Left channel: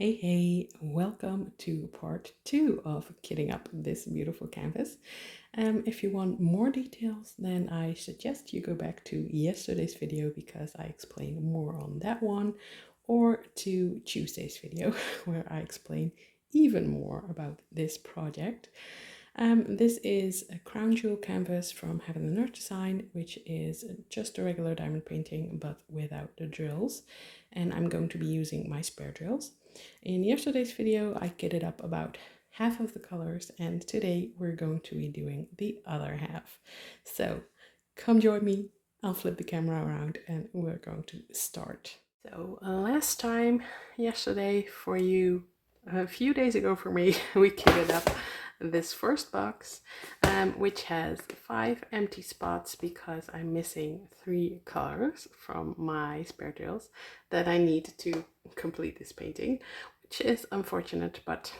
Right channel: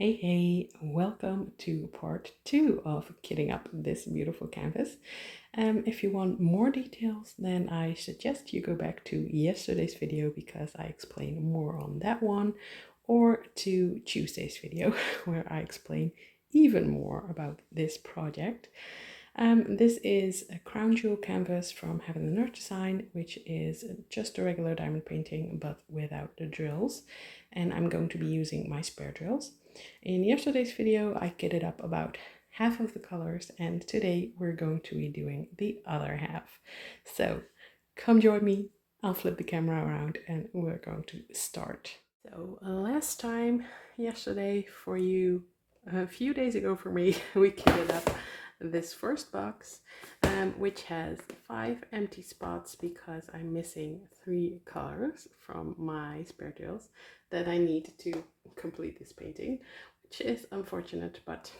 Hey, welcome to part 2 of kitting up this beautiful canvas. If you want more details, then I suggest you go back to yesterday's video because I explain more on that one, or to Tuesday's video where I explain even more about this project. This is a crown jewel canvas from Heaven and Earth Design, which is just a regular diamond painting but without the drills, and I'm going to be using my spare drills. In yesterday's video I kitted up about half of the colors, and today we're going to be doing the other half. So come join me, I'll flip the camera around and we're going to start. So last time, yesterday for you, a few days ago for me, we kitted up this first box, which has 5 empty spots because I'm missing 3 colors from my spare drills that I need to complete this painting, which is unfortunate, but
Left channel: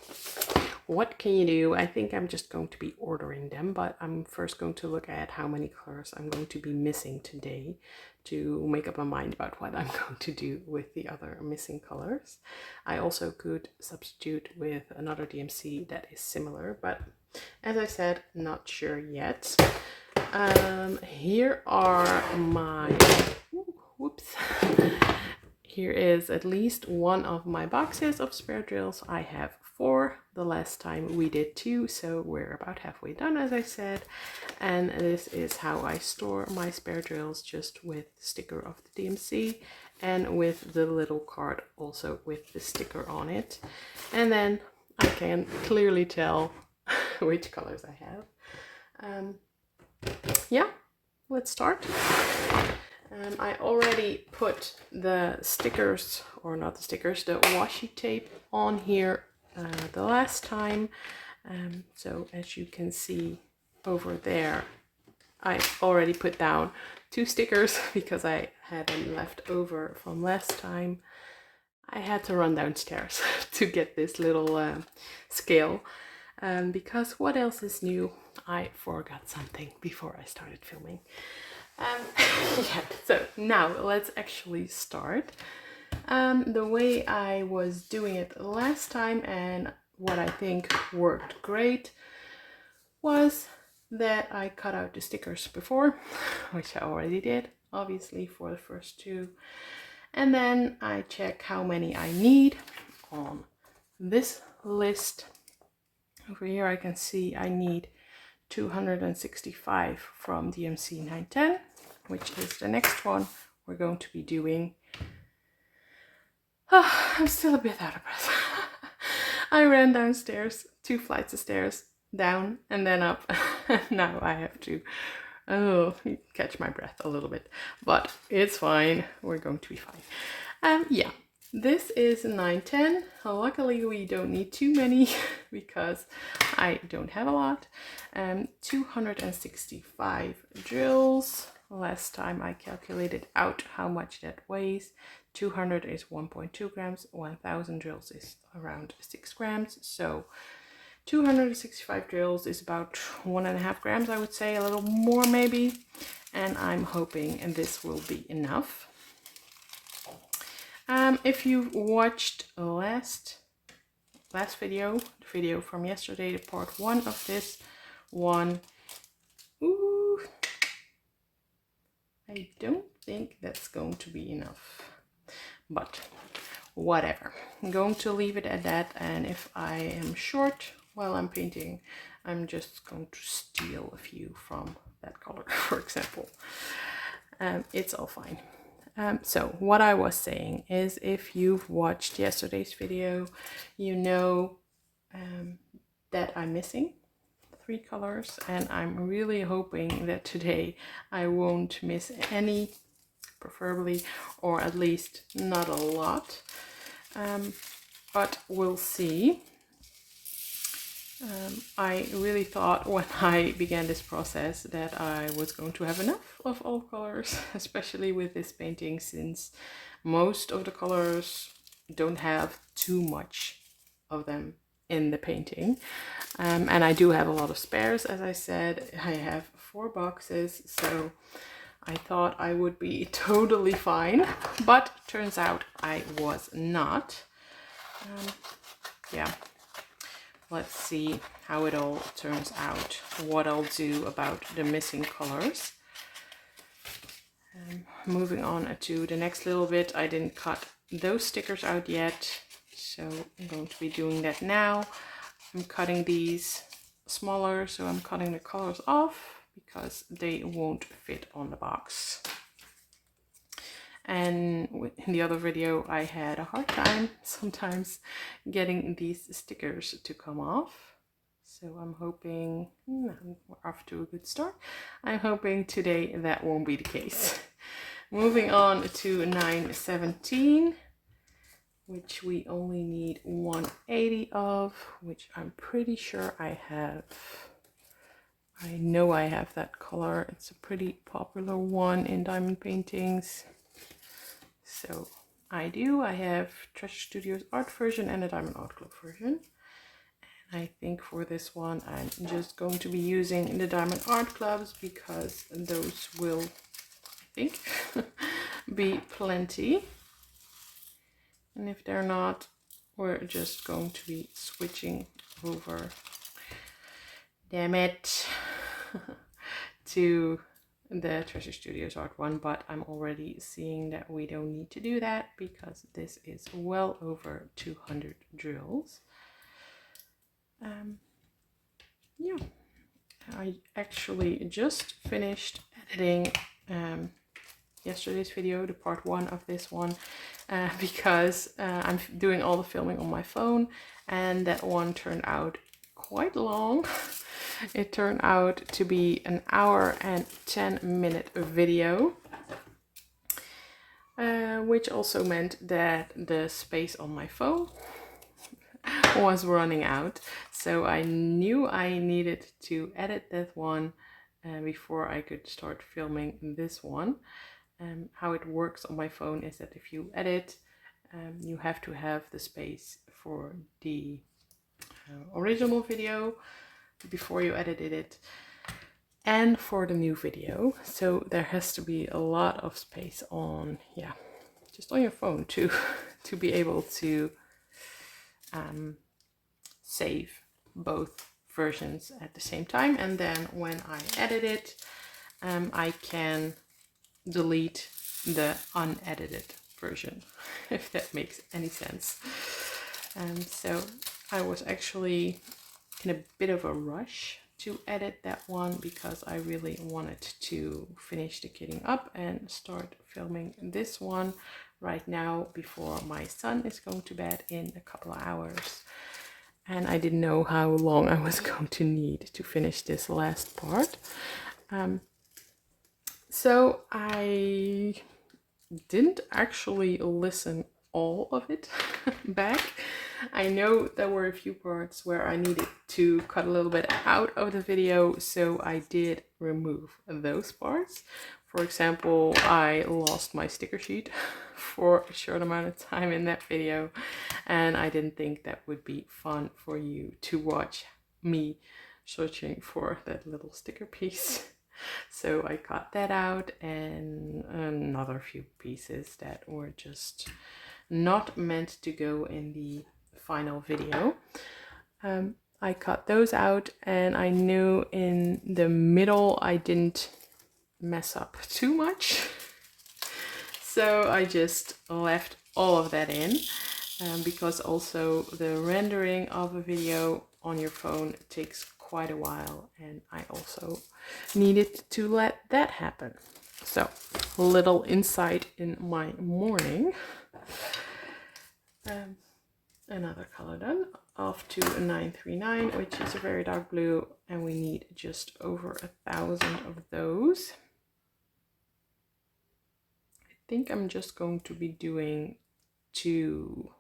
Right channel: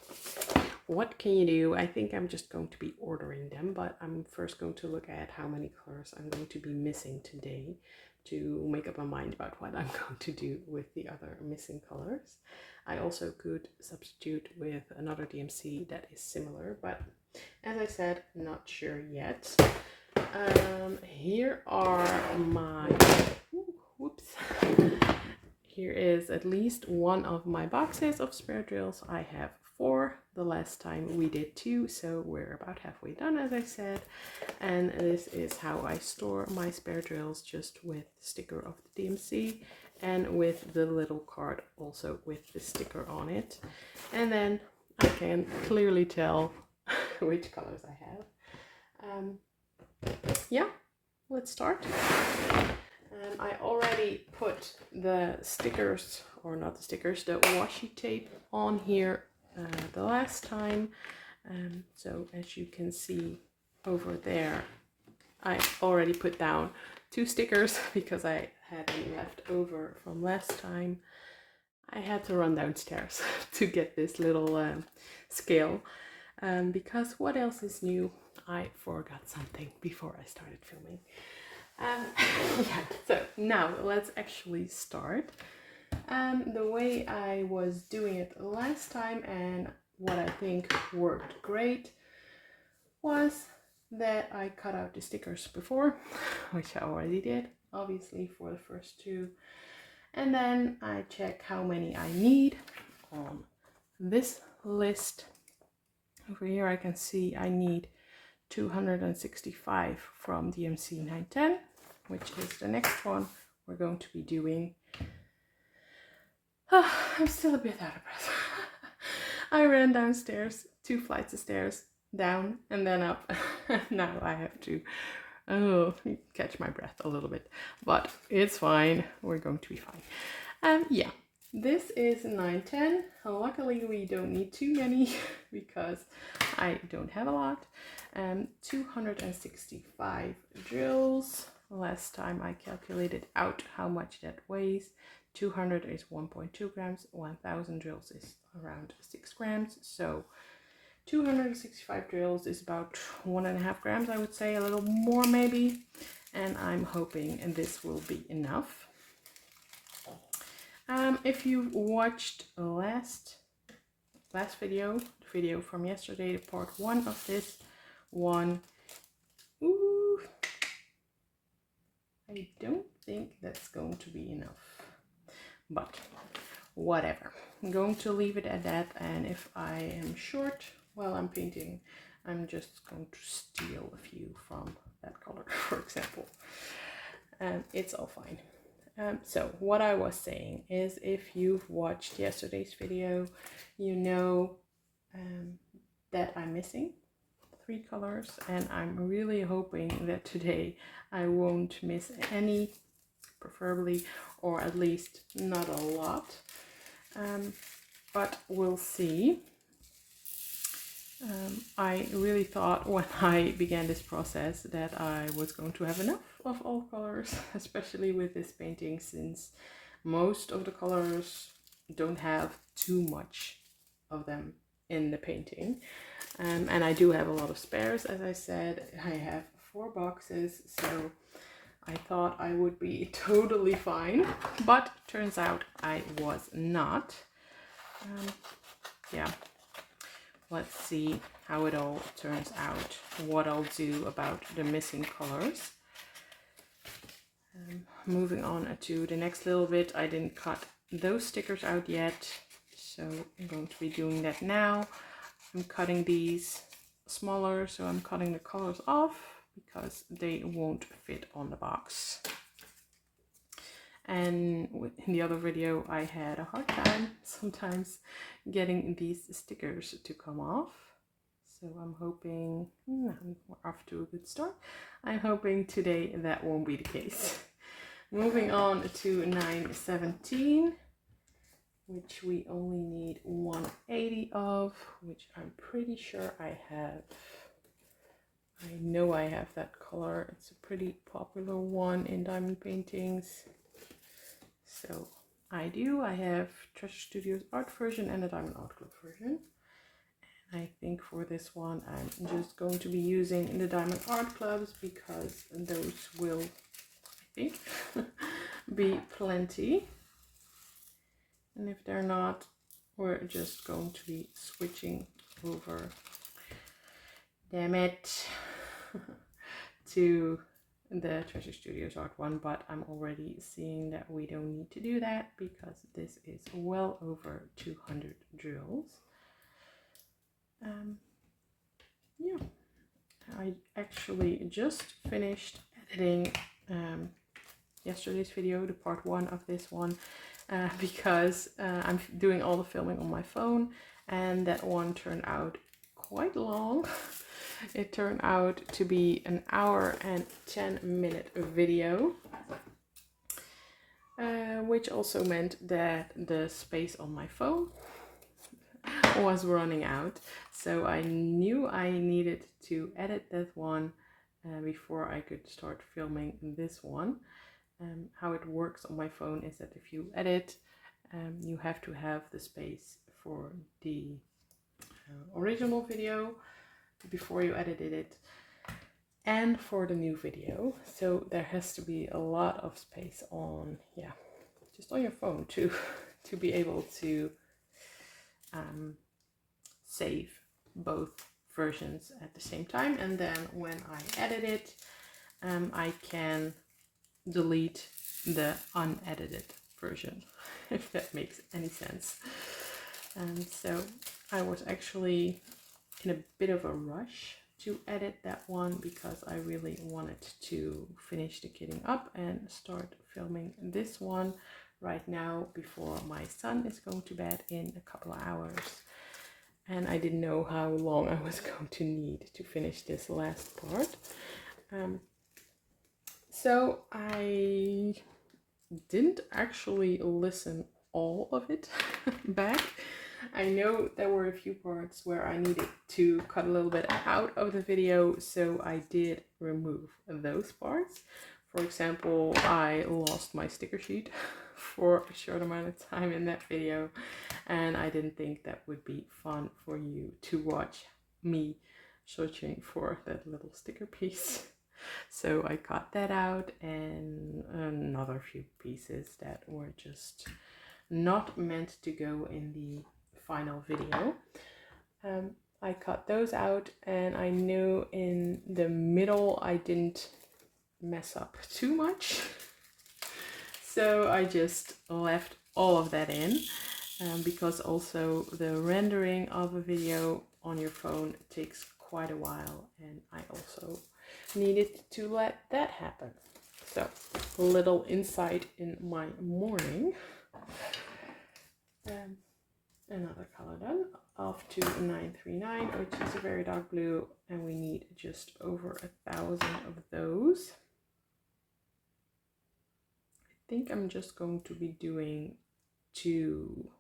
what can you do? I think I'm just going to be ordering them, but I'm first going to look at how many colors I'm going to be missing today to make up my mind about what I'm going to do with the other missing colors. I also could substitute with another DMC that is similar, but as I said, not sure yet. Here are my, whoops. Here is at least one of my boxes of spare drills. I have 4. The last time we did 2, so we're about halfway done, as I said. And this is how I store my spare drills, just with the sticker of the DMC and with the little card also with the sticker on it. And then I can clearly tell which colors I have. Yeah, let's start. I already put the stickers, or not the stickers, the washi tape on here the last time. So as you can see over there, I already put down 2 stickers because I had them left over from last time. I had to run downstairs to get this little scale because what else is new? I forgot something before I started filming. Yeah, so now let's actually start. The way I was doing it last time, and what I think worked great, was that I cut out the stickers before, which I already did, obviously, for the first 2. And then I check how many I need on this list. Over here I can see I need 265 from DMC 910, which is the next one we're going to be doing. Oh, I'm still a bit out of breath. I ran downstairs, 2 flights of stairs, down and then up. Now I have to catch my breath a little bit, but it's fine. We're going to be fine. Yeah, this is 910. Luckily we don't need too many because I don't have a lot. 265 drills. Last time I calculated out how much that weighs. 200 is 1.2 grams, 1000 drills is around 6 grams, so 265 drills is about 1.5 grams, I would say, a little more maybe, and I'm hoping this will be enough. If you watched last video, the video from yesterday, the part 1 of this one, I don't think that's going to be enough, but whatever. I'm going to leave it at that, and if I am short while I'm painting, I'm just going to steal a few from that color, for example. It's all fine. So what I was saying is, if you've watched yesterday's video, you know that I'm missing 3 colors, and I'm really hoping that today I won't miss any, preferably, or at least not a lot, but we'll see. I really thought when I began this process that I was going to have enough of all colors, especially with this painting, since most of the colors don't have too much of them in the painting. And I do have a lot of spares, as I said. I have 4 boxes, so I thought I would be totally fine, but turns out I was not. Yeah, let's see how it all turns out, what I'll do about the missing colors. Moving on to the next little bit, I didn't cut those stickers out yet, so I'm going to be doing that now. I'm cutting these smaller, so I'm cutting the colors off because they won't fit on the box. And in the other video, I had a hard time sometimes getting these stickers to come off. So I'm hoping, we're off to a good start. I'm hoping today that won't be the case. Moving on to 917, which we only need 180 of, which I'm pretty sure I have. I know I have that color. It's a pretty popular one in diamond paintings. So I do. I have Treasure Studios art version and a Diamond Art Club version. And I think for this one, I'm just going to be using the Diamond Art Clubs because those will, I think, be plenty. And if they're not, we're just going to be switching over, damn it, to the Treasure Studios art one, but I'm already seeing that we don't need to do that because this is well over 200 drills. Yeah, I actually just finished editing yesterday's video, the part 1 of this one, because I'm doing all the filming on my phone, and that one turned out quite long. It turned out to be an hour and 10-minute video, which also meant that the space on my phone was running out. So I knew I needed to edit that one before I could start filming this one. How it works on my phone is that if you edit, you have to have the space for the original video before you edited it and for the new video. So there has to be a lot of space on, yeah, just on your phone to be able to save both versions at the same time. And then when I edit it, I can delete the unedited version, if that makes any sense. So I was actually in a bit of a rush to edit that one because I really wanted to finish the kitting up and start filming this one right now before my son is going to bed in a couple of hours. And I didn't know how long I was going to need to finish this last part. So I didn't actually listen all of it back. I know there were a few parts where I needed to cut a little bit out of the video, so I did remove those parts. For example, I lost my sticker sheet for a short amount of time in that video, and I didn't think that would be fun for you to watch me searching for that little sticker piece. So I cut that out, and another few pieces that were just not meant to go in the final video. I cut those out, and I knew in the middle I didn't mess up too much. So I just left all of that in, because also the rendering of a video on your phone takes quite a while, and I also needed to let that happen. So a little insight in my morning. Another color done, off to 939, which is a very dark blue, and we need just over 1,000 of those. I think I'm just going to be doing 2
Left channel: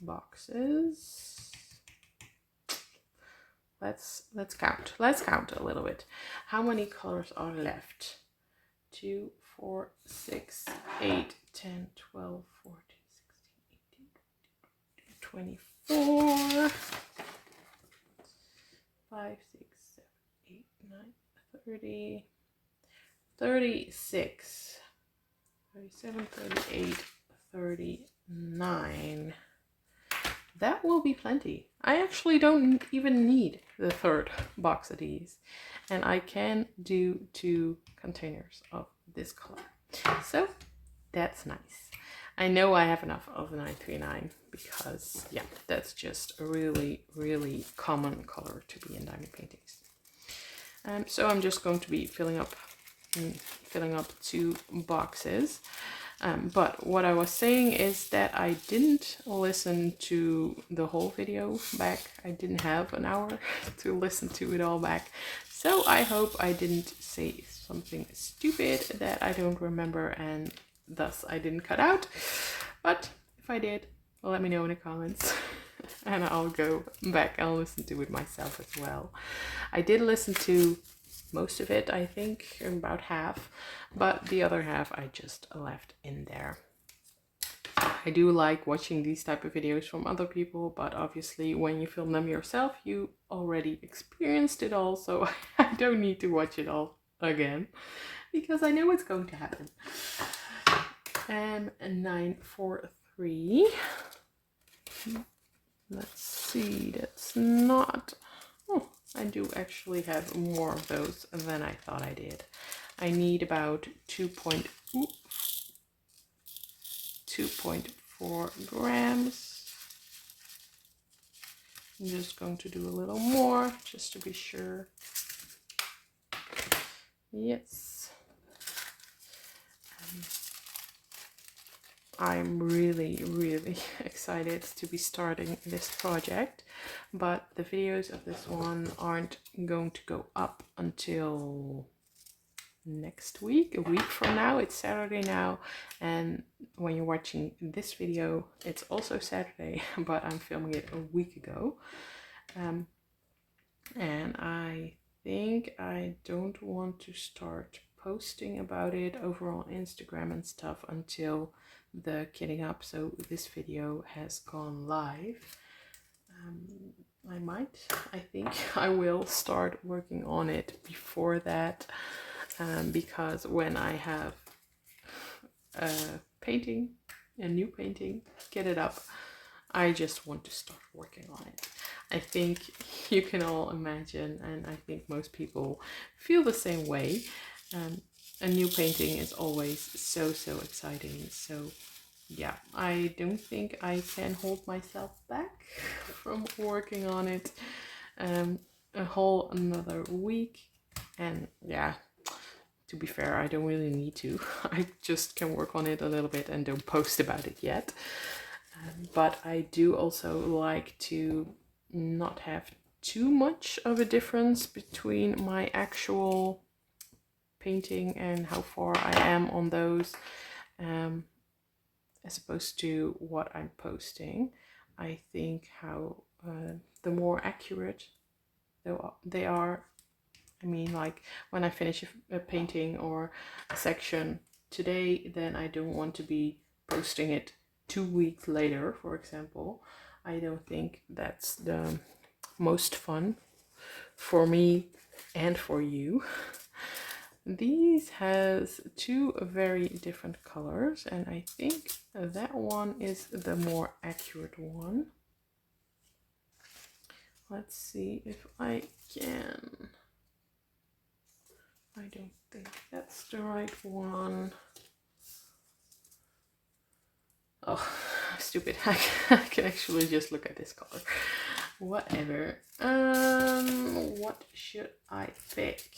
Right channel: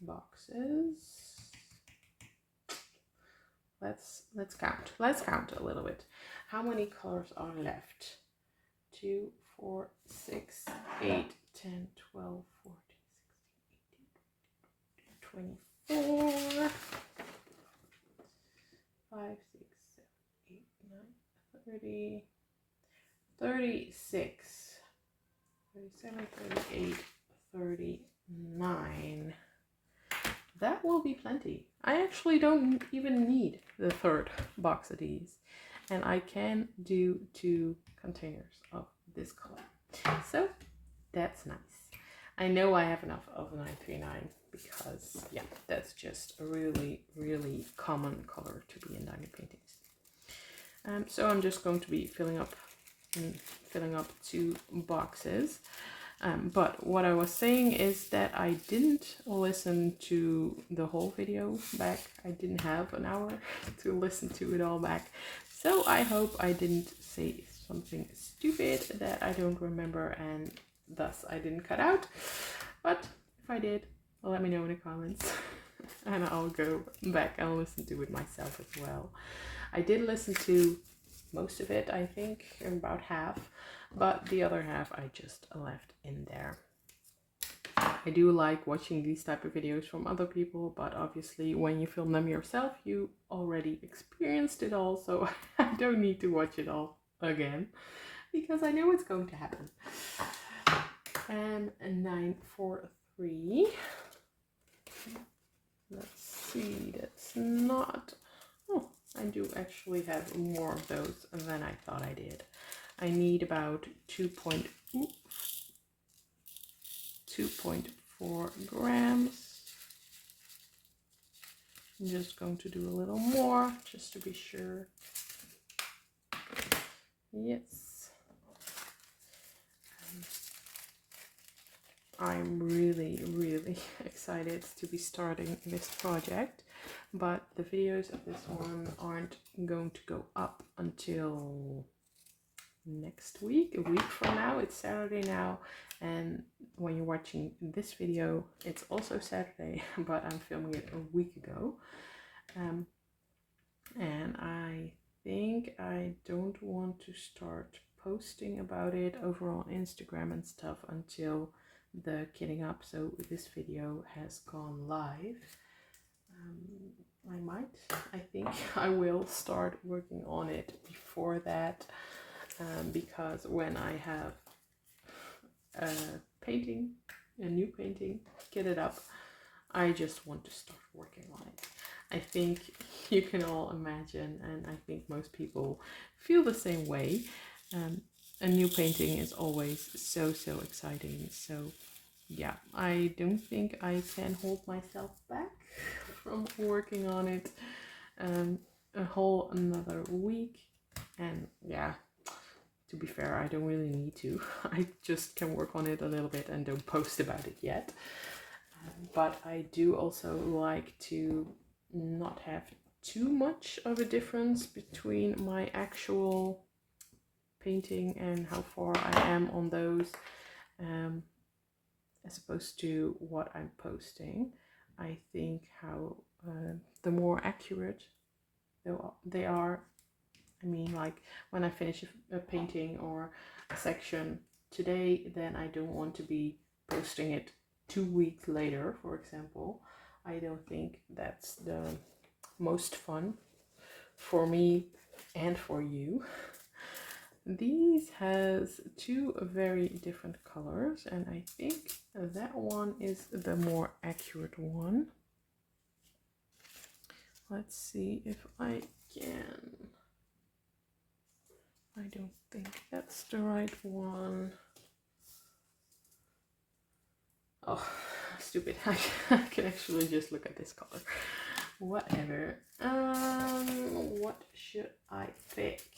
boxes. Let's count. Let's count a little bit. How many colors are left? 2, 4, 6, 8, 10, 12, 14, 16, 18, 24, 5, 6, 7, 8, 9, 30, 36, 37, 38, 39. That will be plenty. I actually don't even need the third box of these. And I can do 2 containers of this color. So that's nice. I know I have enough of the 939 because, yeah, that's just a really, really common color to be in diamond paintings. So I'm just going to be filling up 2 boxes. But what I was saying is that I didn't listen to the whole video back. I didn't have an hour to listen to it all back. So I hope I didn't say something stupid that I don't remember and thus I didn't cut out. But if I did, let me know in the comments and I'll go back and listen to it myself as well. I did listen to most of it, I think, about half, but the other half I just left in there. I do like watching these type of videos from other people, but obviously when you film them yourself, you already experienced it all, so I don't need to watch it all again, because I know what's going to happen. 943. Let's see, that's not... Oh, I do actually have more of those than I thought I did. I need about 2.4 grams. I'm just going to do a little more just to be sure. Yes. I'm really, really excited to be starting this project, but the videos of this one aren't going to go up until next week, a week from now. It's Saturday now, and when you're watching this video, it's also Saturday, but I'm filming it a week ago. And I think I don't want to start posting about it over on Instagram and stuff until the kitting up, so this video has gone live. I think I will start working on it before that, because when I have a new painting, get it up, I just want to start working on it. I think you can all imagine, and I think most people feel the same way. A new painting is always so exciting. So yeah, I don't think I can hold myself back from working on it a whole another week. And yeah, to be fair, I don't really need to. I just can work on it a little bit and don't post about it yet. But I do also like to not have too much of a difference between my actual painting and how far I am on those, as opposed to what I'm posting. I think how the more accurate they are, I mean, like when I finish a painting or a section today, then I don't want to be posting it 2 weeks later, for example. I don't think that's the most fun for me and for you. These has 2 very different colors, and I think that one is the more accurate one. Let's see if I can... I don't think that's the right one. Oh, stupid. I can actually just look at this color. Whatever. What should I pick?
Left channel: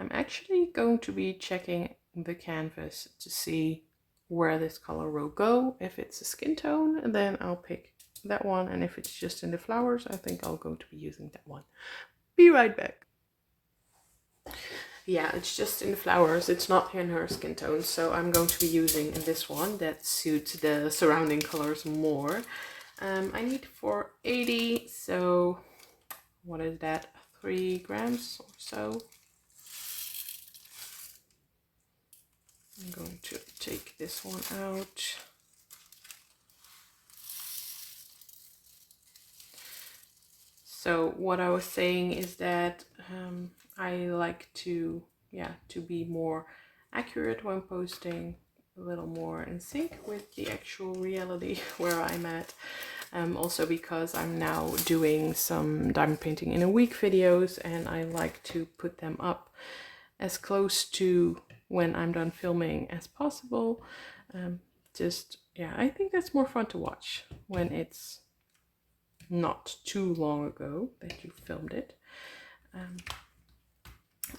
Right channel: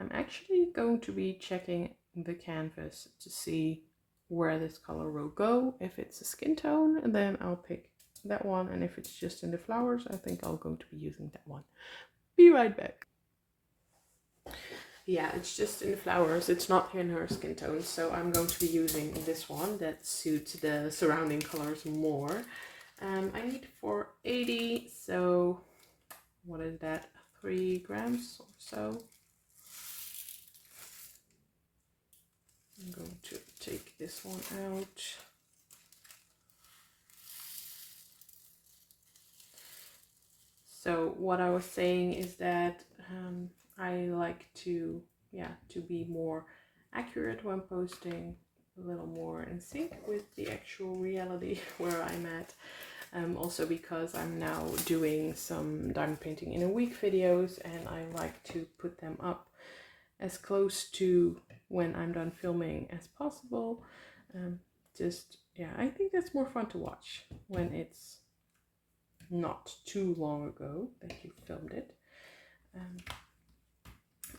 I'm actually going to be checking the canvas to see where this color will go. If it's a skin tone, then I'll pick that one, and if it's just in the flowers, I think I'll go to be using that one. Be right back. Yeah, it's just in the flowers, it's not in her skin tone, so I'm going to be using this one that suits the surrounding colors more. I need 480, so what is that, 3 grams or so. I'm going to take this one out. So what I was saying is that I like to yeah, to be more accurate when posting, a little more in sync with the actual reality where I'm at. Also because I'm now doing some diamond painting in a week videos, and I like to put them up as close to when I'm done filming as possible. Just, yeah, I think that's more fun to watch when it's not too long ago that you filmed it.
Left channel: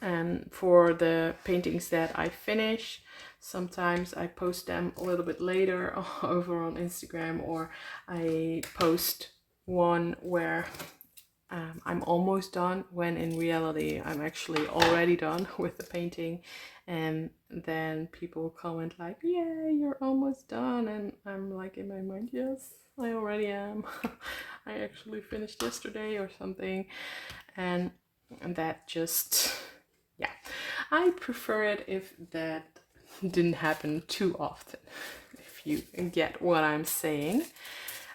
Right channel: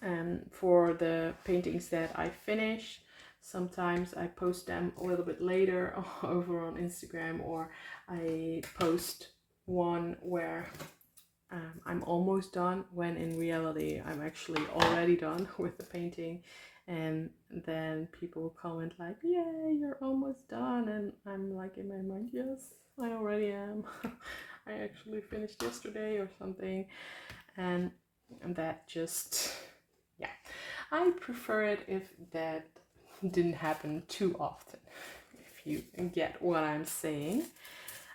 And for the paintings that I finish, sometimes I post them a little bit later over on Instagram, or I post one where I'm almost done, when in reality I'm actually already done with the painting. And then people comment like, "Yay, you're almost done," and I'm like in my mind, yes, I already am. I actually finished yesterday or something. And that just, yeah, I prefer it if that didn't happen too often, if you get what I'm saying.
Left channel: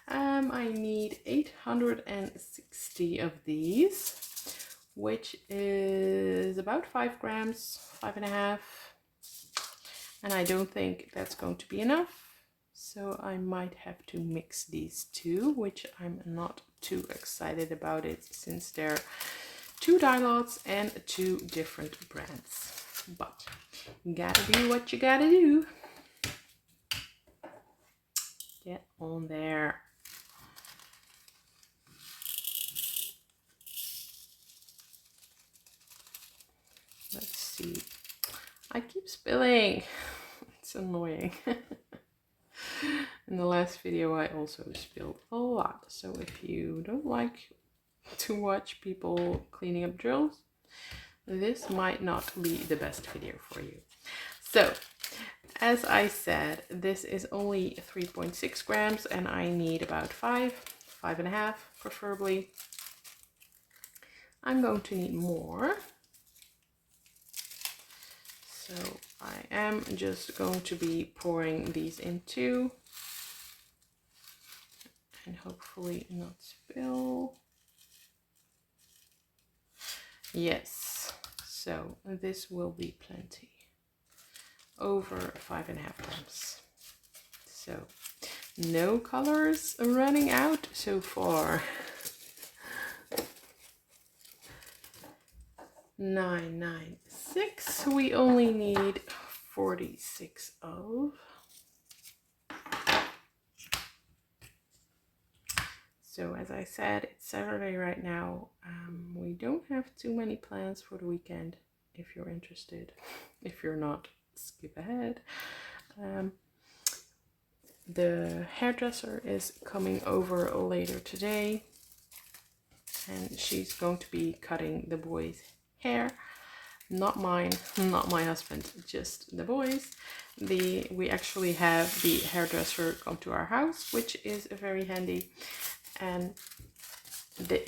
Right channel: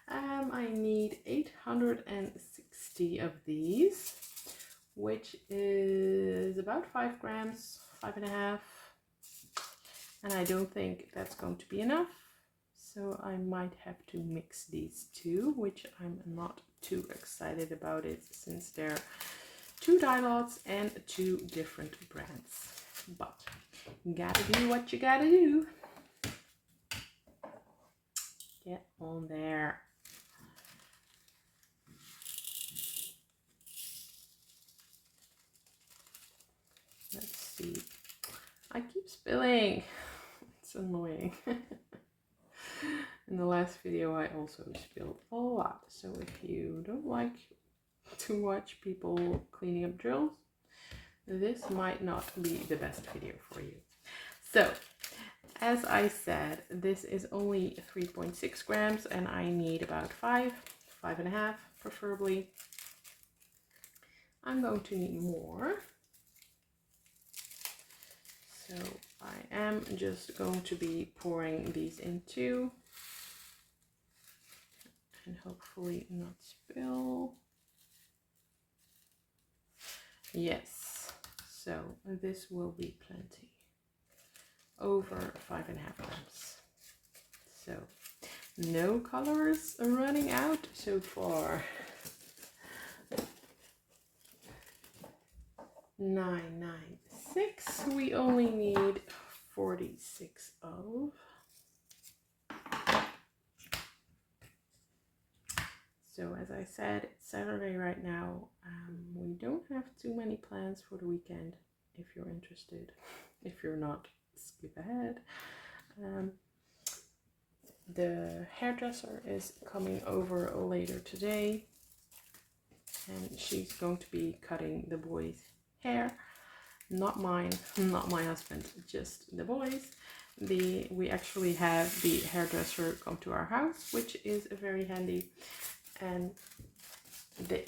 I need 860 of these, which is about 5 grams, 5.5. And I don't think that's going to be enough. So I might have to mix these two, which I'm not too excited about it, since they're 2 dye lots and 2 different brands. But you gotta do what you gotta do. Get on there. Let's see. I keep spilling. It's annoying. In the last video I also spilled a lot. So if you don't like to watch people cleaning up drills, this might not be the best video for you. So, as I said, this is only 3.6 grams and I need about 5.5 preferably. I'm going to need more. So I am just going to be pouring these into, and hopefully not spill. Yes, so this will be plenty. Over 5.5 grams. So no colors running out so far. 996. We only need 46 of. So as I said, it's Saturday right now. We don't have too many plans for the weekend. If you're interested, if you're not, skip ahead. The hairdresser is coming over later today, and she's going to be cutting the boys' hair. Not mine, not my husband, just the boys. We actually have the hairdresser come to our house, which is very handy. And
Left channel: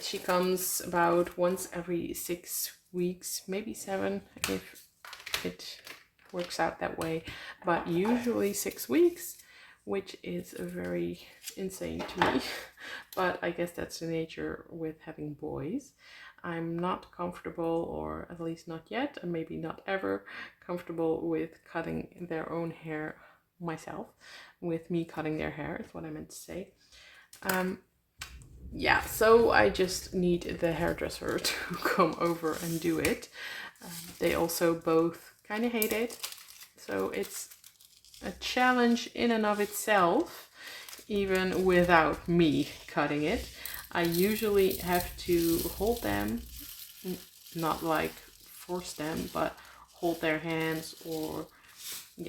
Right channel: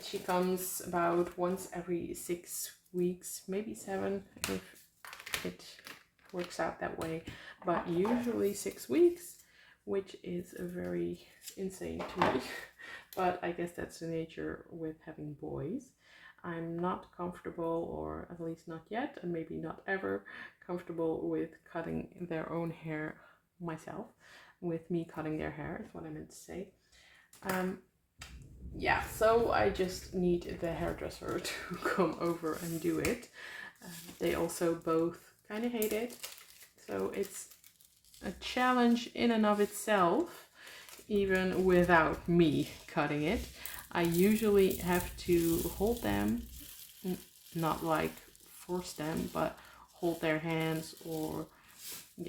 she comes about once every 6 weeks, maybe 7 if it works out that way, but usually 6 weeks, which is very insane to me. But I guess that's the nature with having boys. I'm not comfortable, or at least not yet, and maybe not ever comfortable with cutting their own hair myself, with me cutting their hair is what I meant to say. Yeah, so I just need the hairdresser to come over and do it. They also both kind of hate it, so it's a challenge in and of itself, even without me cutting it. I usually have to hold them, not like force them, but hold their hands, or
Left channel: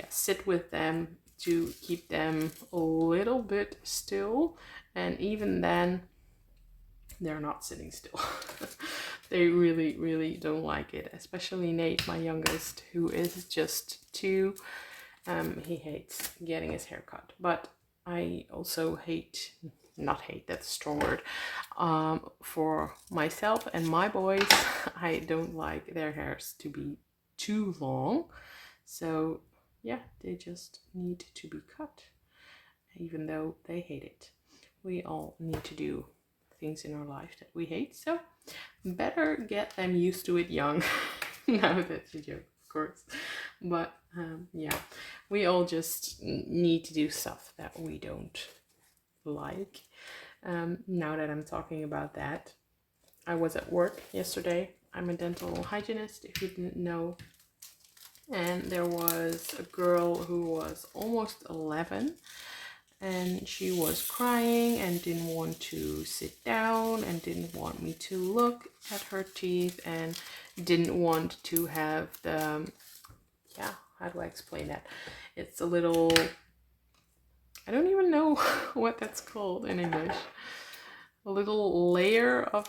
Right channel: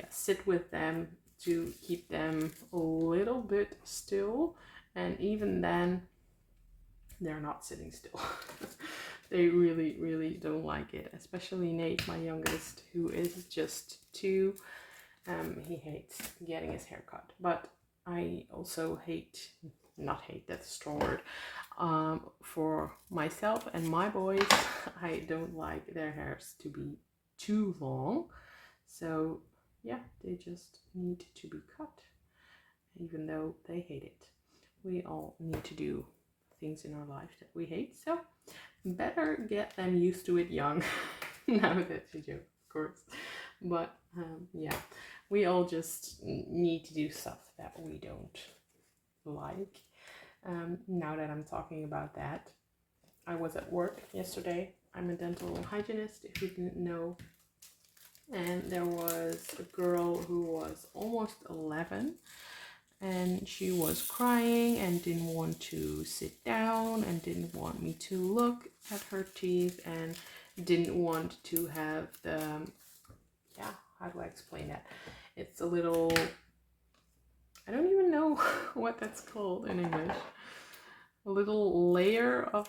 sit with them to keep them a little bit still. And even then, they're not sitting still. They really, really don't like it, especially Nate, my youngest, who is just 2. He hates getting his hair cut, but I also not hate, that's a strong word, for myself and my boys, I don't like their hairs to be too long. So yeah, they just need to be cut, even though they hate it. We all need to do things in our life that we hate, so better get them used to it young. No, that's a joke, of course. But yeah, we all just need to do stuff that we don't like. Now that I'm talking about that, I was at work yesterday. I'm a dental hygienist, if you didn't know. And there was a girl who was almost 11, and she was crying and didn't want to sit down and didn't want me to look at her teeth and didn't want to have the, yeah, how do I explain that? It's a little, I don't even know what that's called in English. A little layer of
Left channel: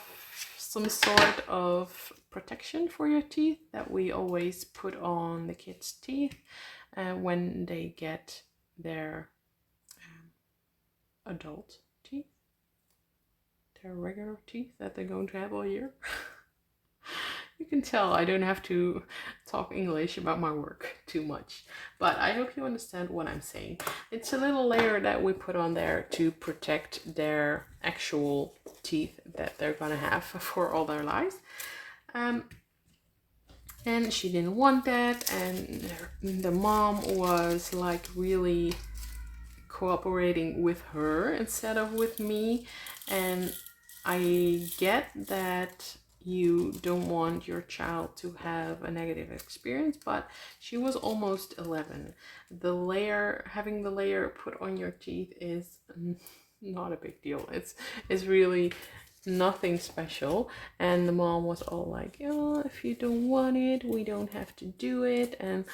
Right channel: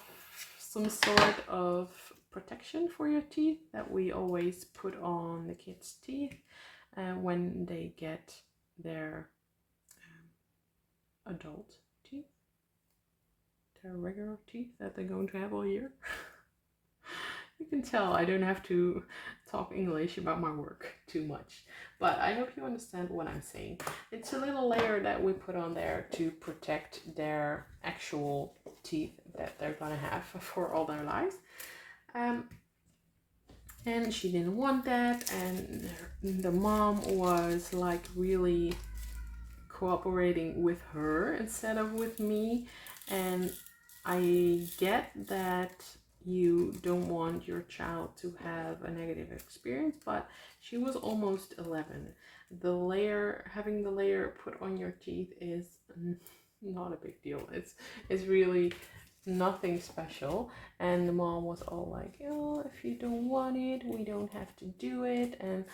some sort of protection for your teeth that we always put on the kids' teeth when they get their adult teeth, their regular teeth that they're going to have all year. You can tell I don't have to talk English about my work too much, but I hope you understand what I'm saying. It's a little layer that we put on there to protect their actual teeth that they're gonna have for all their lives. And she didn't want that, and the mom was like really cooperating with her instead of with me. And I get that you don't want your child to have a negative experience, but she was almost 11. Having the layer put on your teeth is not a big deal. It's really nothing special. And the mom was all like, oh, if you don't want it, we don't have to do it, and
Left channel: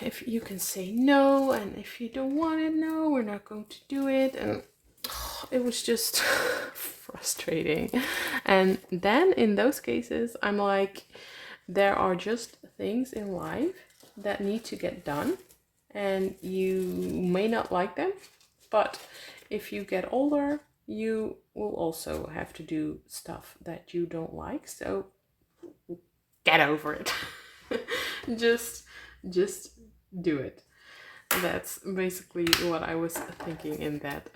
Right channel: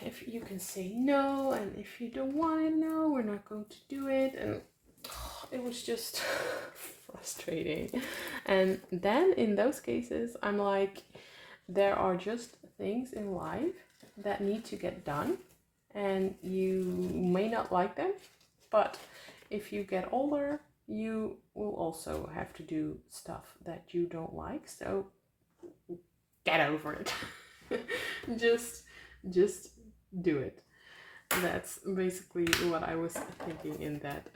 if you can say no, and if you don't want it, no, we're not going to do it. And it was just frustrating. And then in those cases, I'm like, there are just things in life that need to get done, and you may not like them, but if you get older, you will also have to do stuff that you don't like. So get over it. just do it. That's basically what I was thinking in that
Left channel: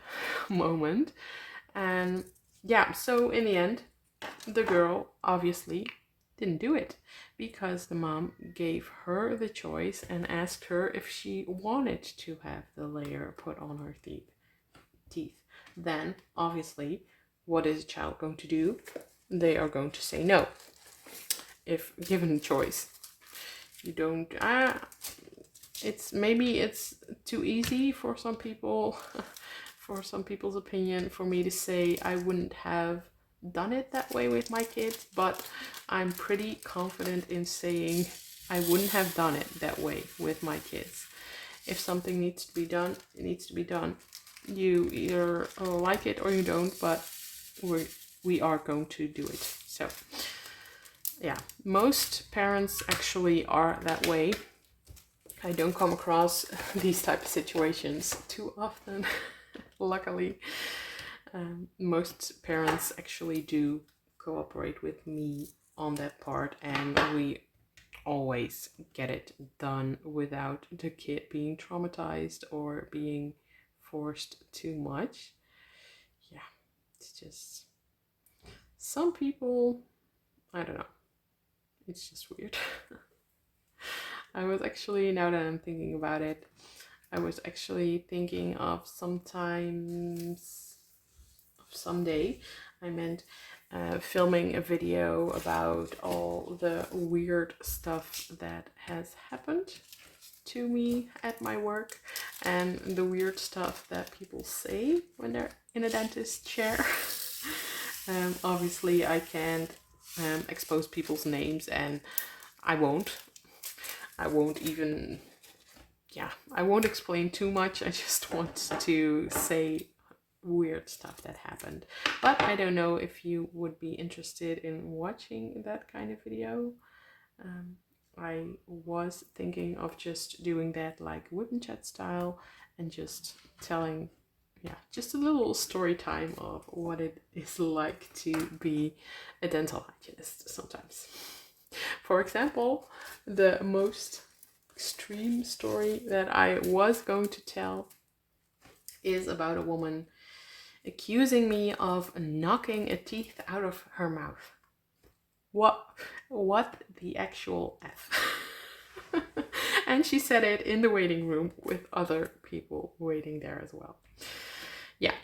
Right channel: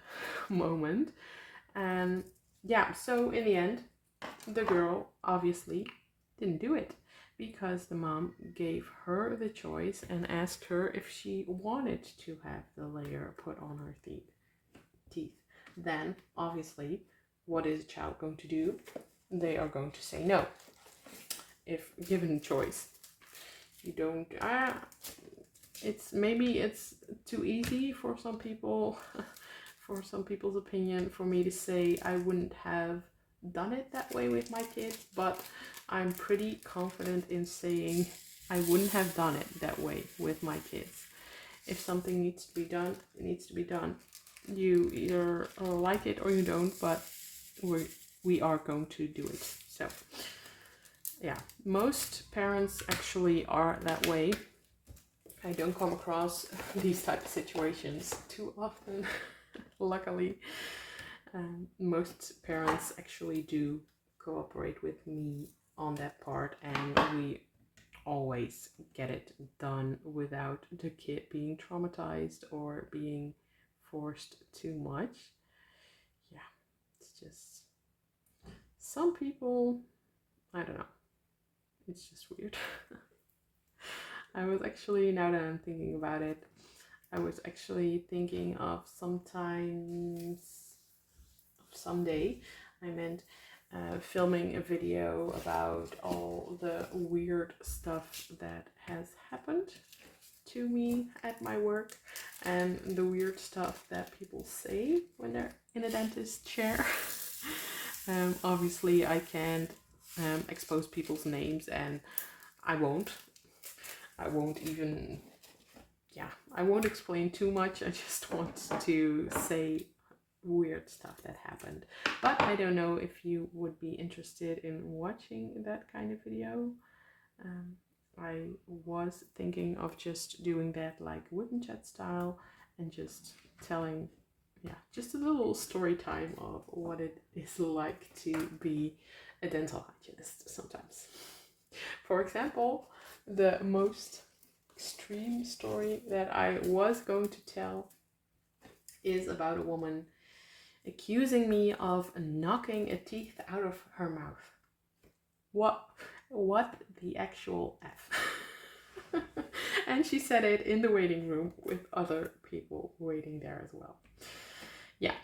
moment. And yeah, so in the end, the girl obviously didn't do it because the mom gave her the choice and asked her if she wanted to have the layer put on her teeth. Then obviously, what is a child going to do? They are going to say no if given the choice. You don't maybe it's too easy for some people, for some people's opinion, for me to say I wouldn't have done it that way with my kids, but I'm pretty confident in saying I wouldn't have done it that way with my kids. If something needs to be done, it needs to be done. You either like it or you don't, but we are going to do it. So yeah, most parents actually are that way. I don't come across these type of situations too often, luckily. Most parents actually do cooperate with me on that part, and we always get it done without the kid being traumatized or being forced too much. Yeah, it's just some people, I don't know, it's just weird. I was actually, now that I'm thinking about it, I was actually thinking of someday, I meant filming a video about all the weird stuff that has happened to me at my work and the weird stuff that people say when they're in a dentist chair. Obviously, I can't expose people's names, and I won't even, I won't explain too much. I just want to say weird stuff that happened. But I don't know if you would be interested in watching that kind of video. I was thinking of just doing that like whip and chat style and just telling, just a little story time of what it is like to be a dental hygienist sometimes. For example, the most extreme story that I was going to tell is about a woman accusing me of knocking a teeth out of her mouth. What what the actual F? And she said it in the waiting room with other people waiting there as well. Yeah,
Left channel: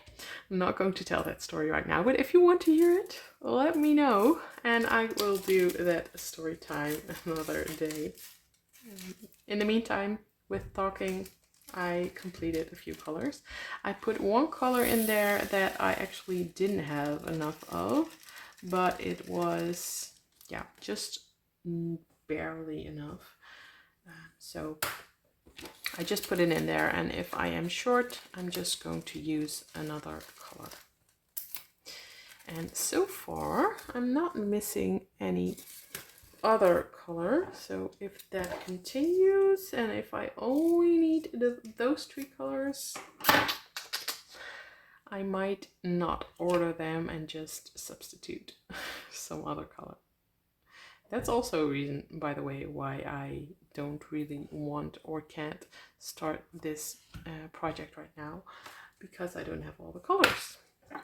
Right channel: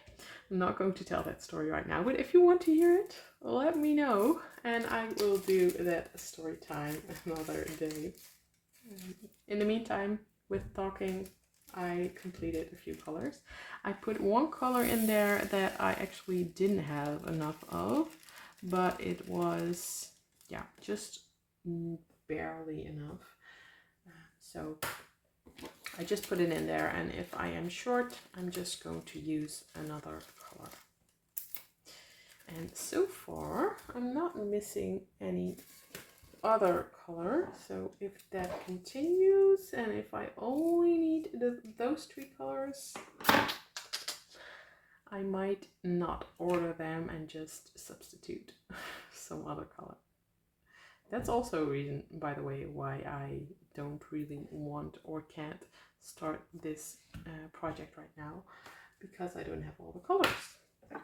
I'm not going to tell that story right now, but if you want to hear it, let me know, and I will do that story time another day. In the meantime, with talking, I completed a few colors. I put one color in there that I actually didn't have enough of, but it was, yeah, just barely enough. So I just put it in there, and if I am short, I'm just going to use another color. And so far, I'm not missing any other color, so if that continues and if I only need those 3 colors, I might not order them and just substitute some other color. That's also a reason, by the way, why I don't really want or can't start this project right now, because I don't have all the colors,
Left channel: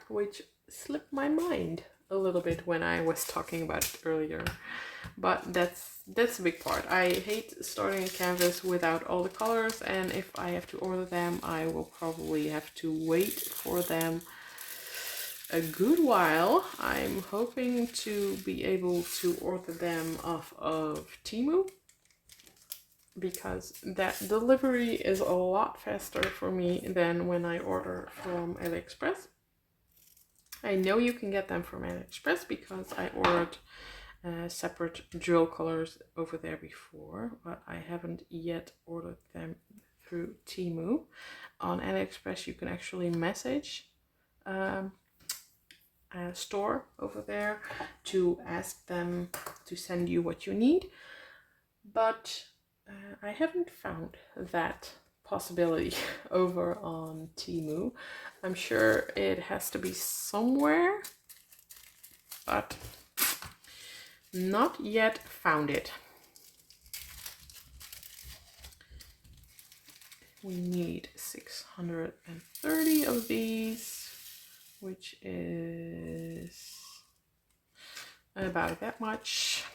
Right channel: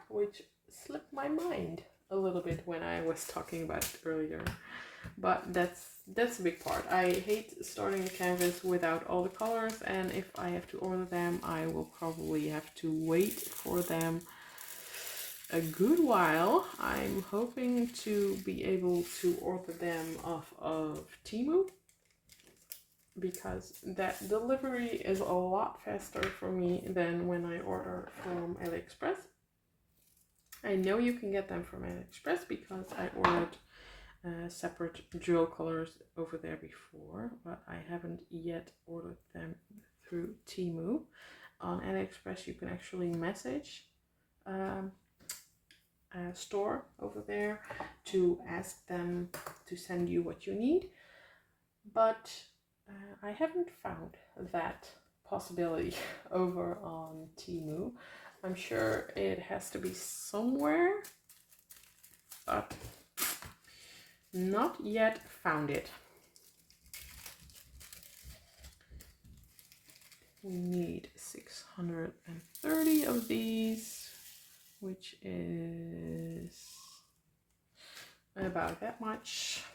which slipped my mind a little bit when I was talking about it earlier. But that's a big part. I hate starting a canvas without all the colors, and if I have to order them, I will probably have to wait for them a good while. I'm hoping to be able to order them off of Temu, because that delivery is a lot faster for me than when I order from AliExpress. I know you can get them from AliExpress because I ordered separate drill colors over there before, but I haven't yet ordered them through Temu. On AliExpress you can actually message a store over there to ask them to send you what you need, but I haven't found that possibility over on Temu. I'm sure it has to be somewhere, but not yet found it. We need 630 of these, which is about that much.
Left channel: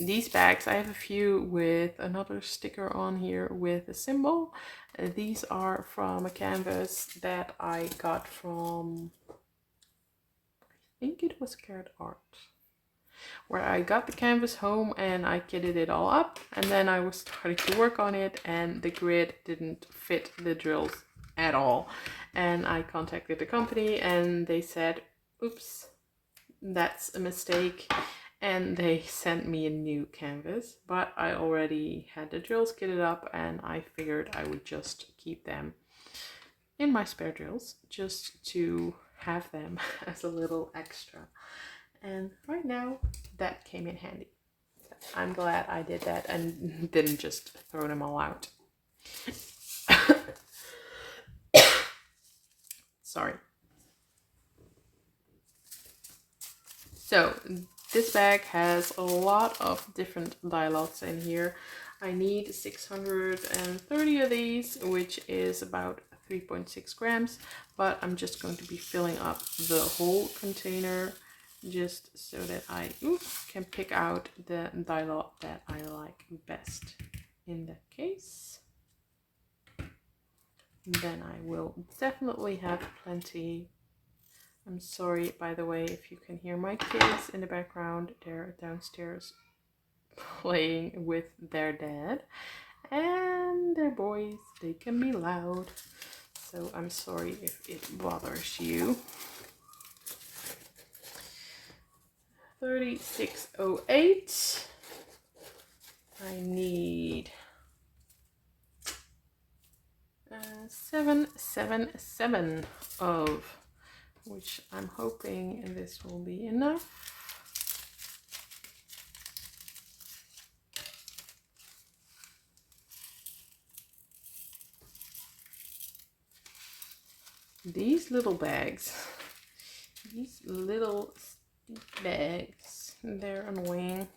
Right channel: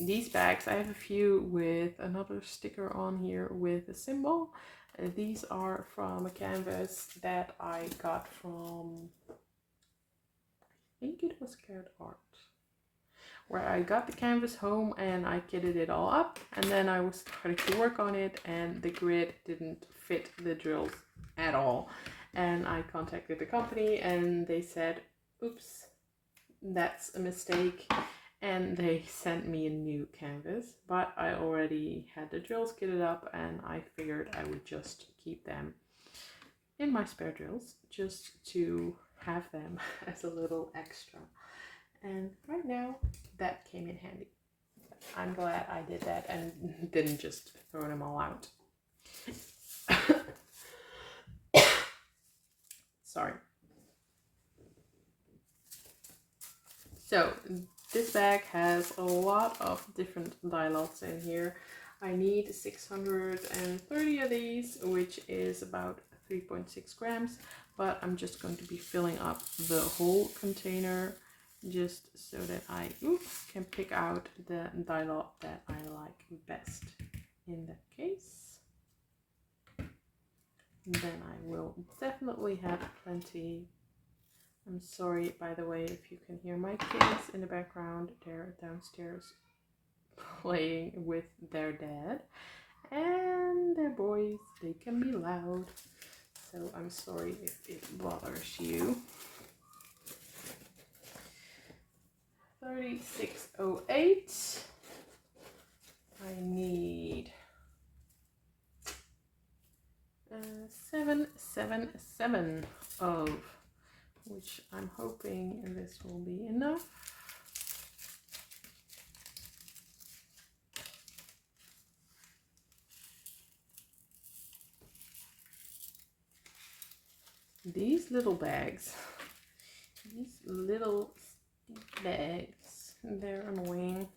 These bags, I have a few with another sticker on here with a symbol. These are from a canvas that I got from, I think it was Carrot Art, where I got the canvas home and I kitted it all up, and then I was starting to work on it and the grid didn't fit the drills at all. And I contacted the company and they said, oops, that's a mistake. And they sent me a new canvas, but I already had the drills kitted up and I figured I would just keep them in my spare drills just to have them as a little extra. And right now that came in handy. I'm glad I did that and didn't just throw them all out. Sorry. So this bag has a lot of different dye lots in here. I need 630 of these, which is about 3.6 grams, but I'm just going to be filling up the whole container just so that I can pick out the dye lot that I like best. In that case, then I will definitely have plenty. I'm sorry, by the way, if you can hear my kids in the background. They're downstairs playing with their dad, and they're boys, they can be loud, so I'm sorry if it bothers you. 3608. I need 777 of, which I'm hoping this will be enough. These little bags, they're annoying.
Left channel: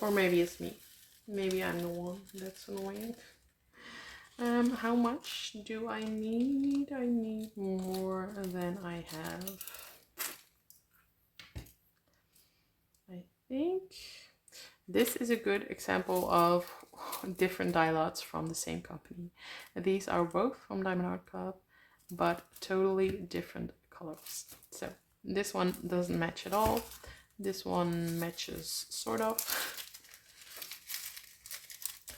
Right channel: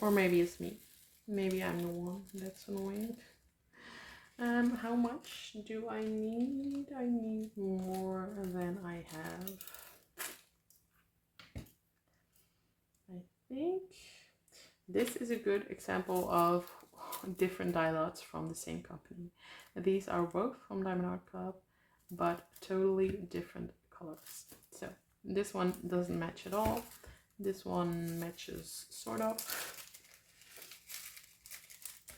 Or maybe it's me. Maybe I'm the one that's annoying. How much do I need? I need more than I have. I think this is a good example of different dye lots from the same company. These are both from Diamond Art Club, but totally different colors. So this one doesn't match at all. This one matches sort of.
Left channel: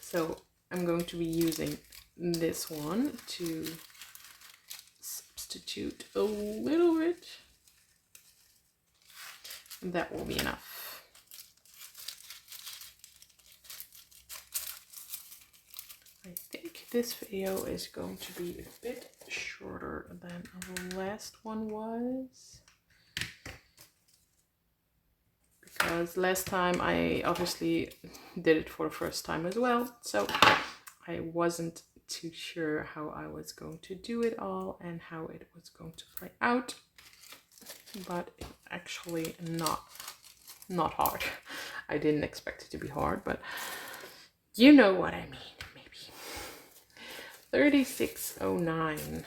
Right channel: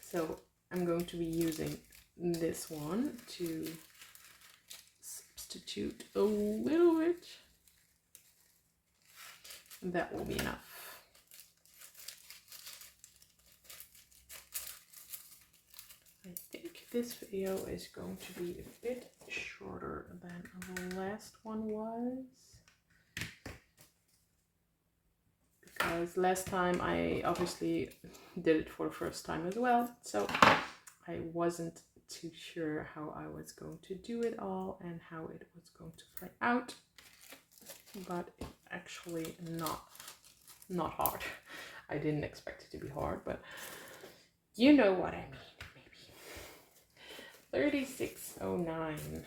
So I'm going to be using this one to substitute a little bit. That will be enough. I think this video is going to be a bit shorter than the last one was, because last time I obviously did it for the first time as well, so I wasn't too sure how I was going to do it all and how it was going to play out, but it's actually not hard. I didn't expect it to be hard, but you know what I mean. 3609. I'm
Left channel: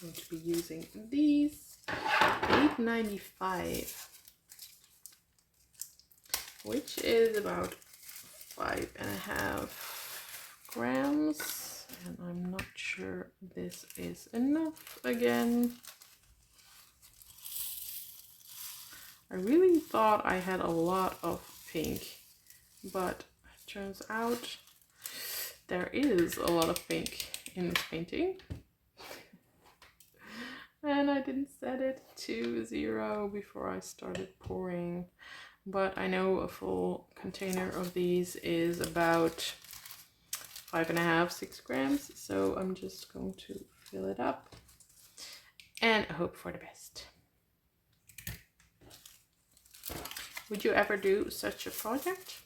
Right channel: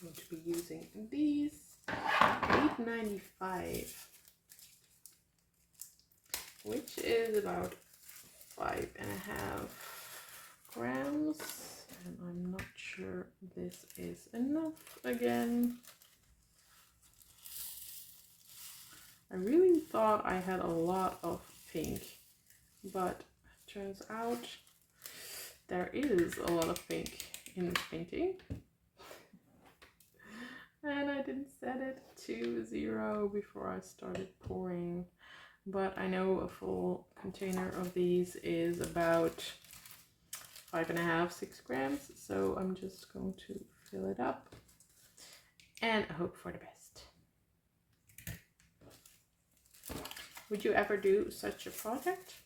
going to be using these. $8.95, which is about 5.5 grams, and I'm not sure this is enough again. I really thought I had a lot of pink, but it turns out there is a lot of pink in this painting. And I didn't set it to 0 before I started pouring. But I know a full container of these is about 5.5, 6 grams. So I'm just going to fill it up and hope for the best. Would you ever do such a project?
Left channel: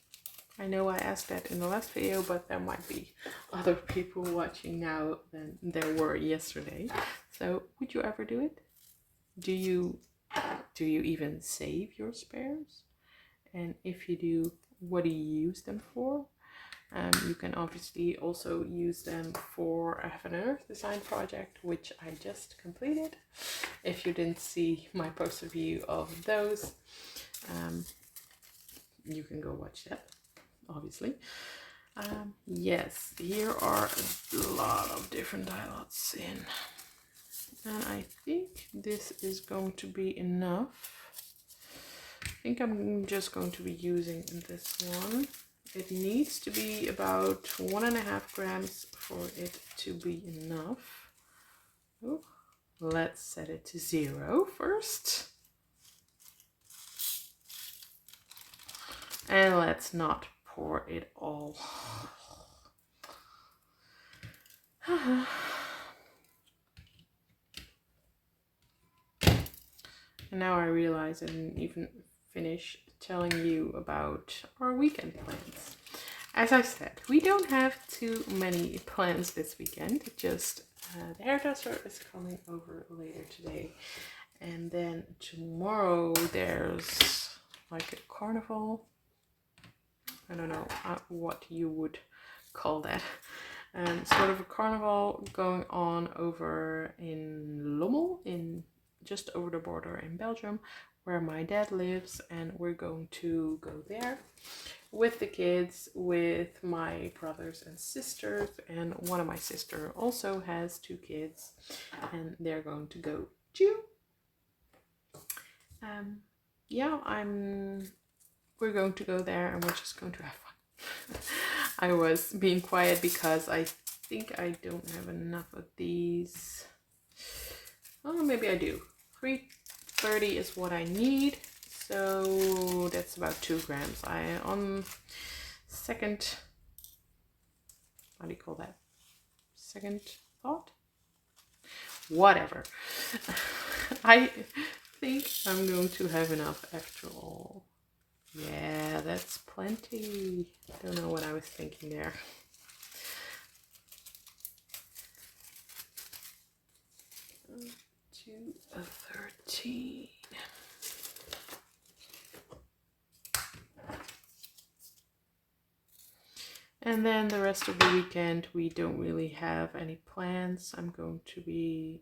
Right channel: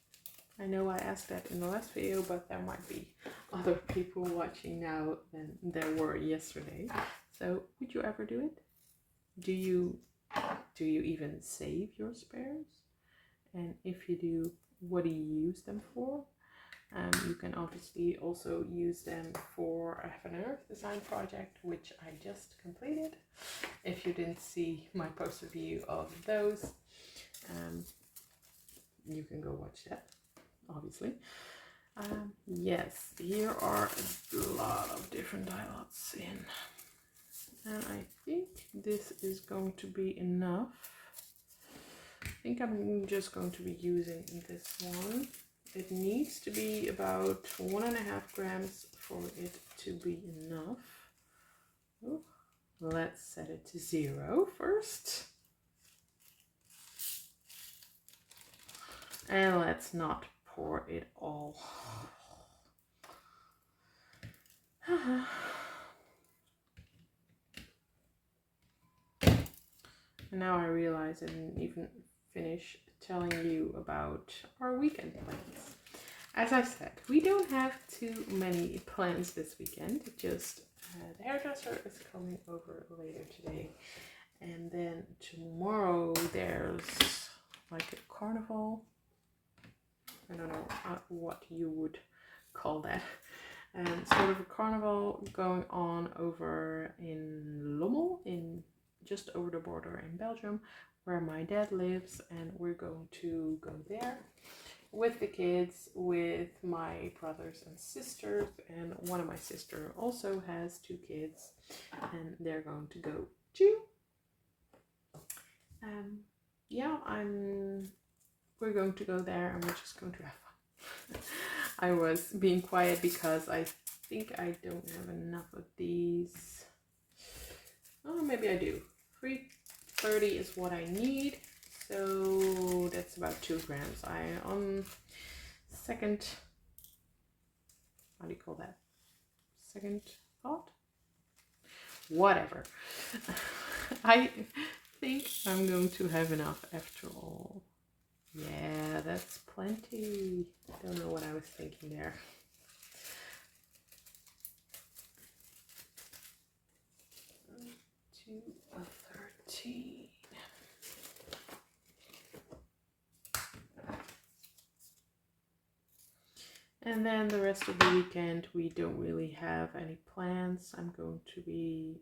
I know I asked that in the last video, but there might be other people watching now than there were yesterday. So would you ever do it? Do you even save your spares? And if you do, what do you use them for? You can obviously also use them for a Heaven and Earth design project, which I just completed. If you didn't see my post review of those, you can go watch that, obviously. Yes, here are a lot of different dye lots in. And I think this is going to be enough. I think I'm just going to be using this one. It needs to be about 1.5 grams for it to be enough. Ooh, let's set it to 0 first. And let's not pour it all. And now I realize I didn't even finish telling you about our weekend plans. As I said, we don't have too many plans this weekend. Just the hairdresser is coming over later today. And then tomorrow there's like a carnival. I don't know what you would call that. Sort of a carnival going on over in Lommel, in just over the border in Belgium, where my dad lives, and we're going to go there with the kids, with my brothers and sisters, and one of my sisters also has 2 kids, and they're going to go too. Yeah, we're going to go there and we're just going to have fun. I was being quiet because I think I don't have enough of these. Oh, maybe I do. 330 is what I need, so that's about 2 grams. On second, how do you call that? Second thought? Whatever. I think I'm going to have enough after all. Yeah, that's plenty. Don't know what I was thinking there. To 13. And then the rest of the weekend, we don't really have any plans. I'm going to be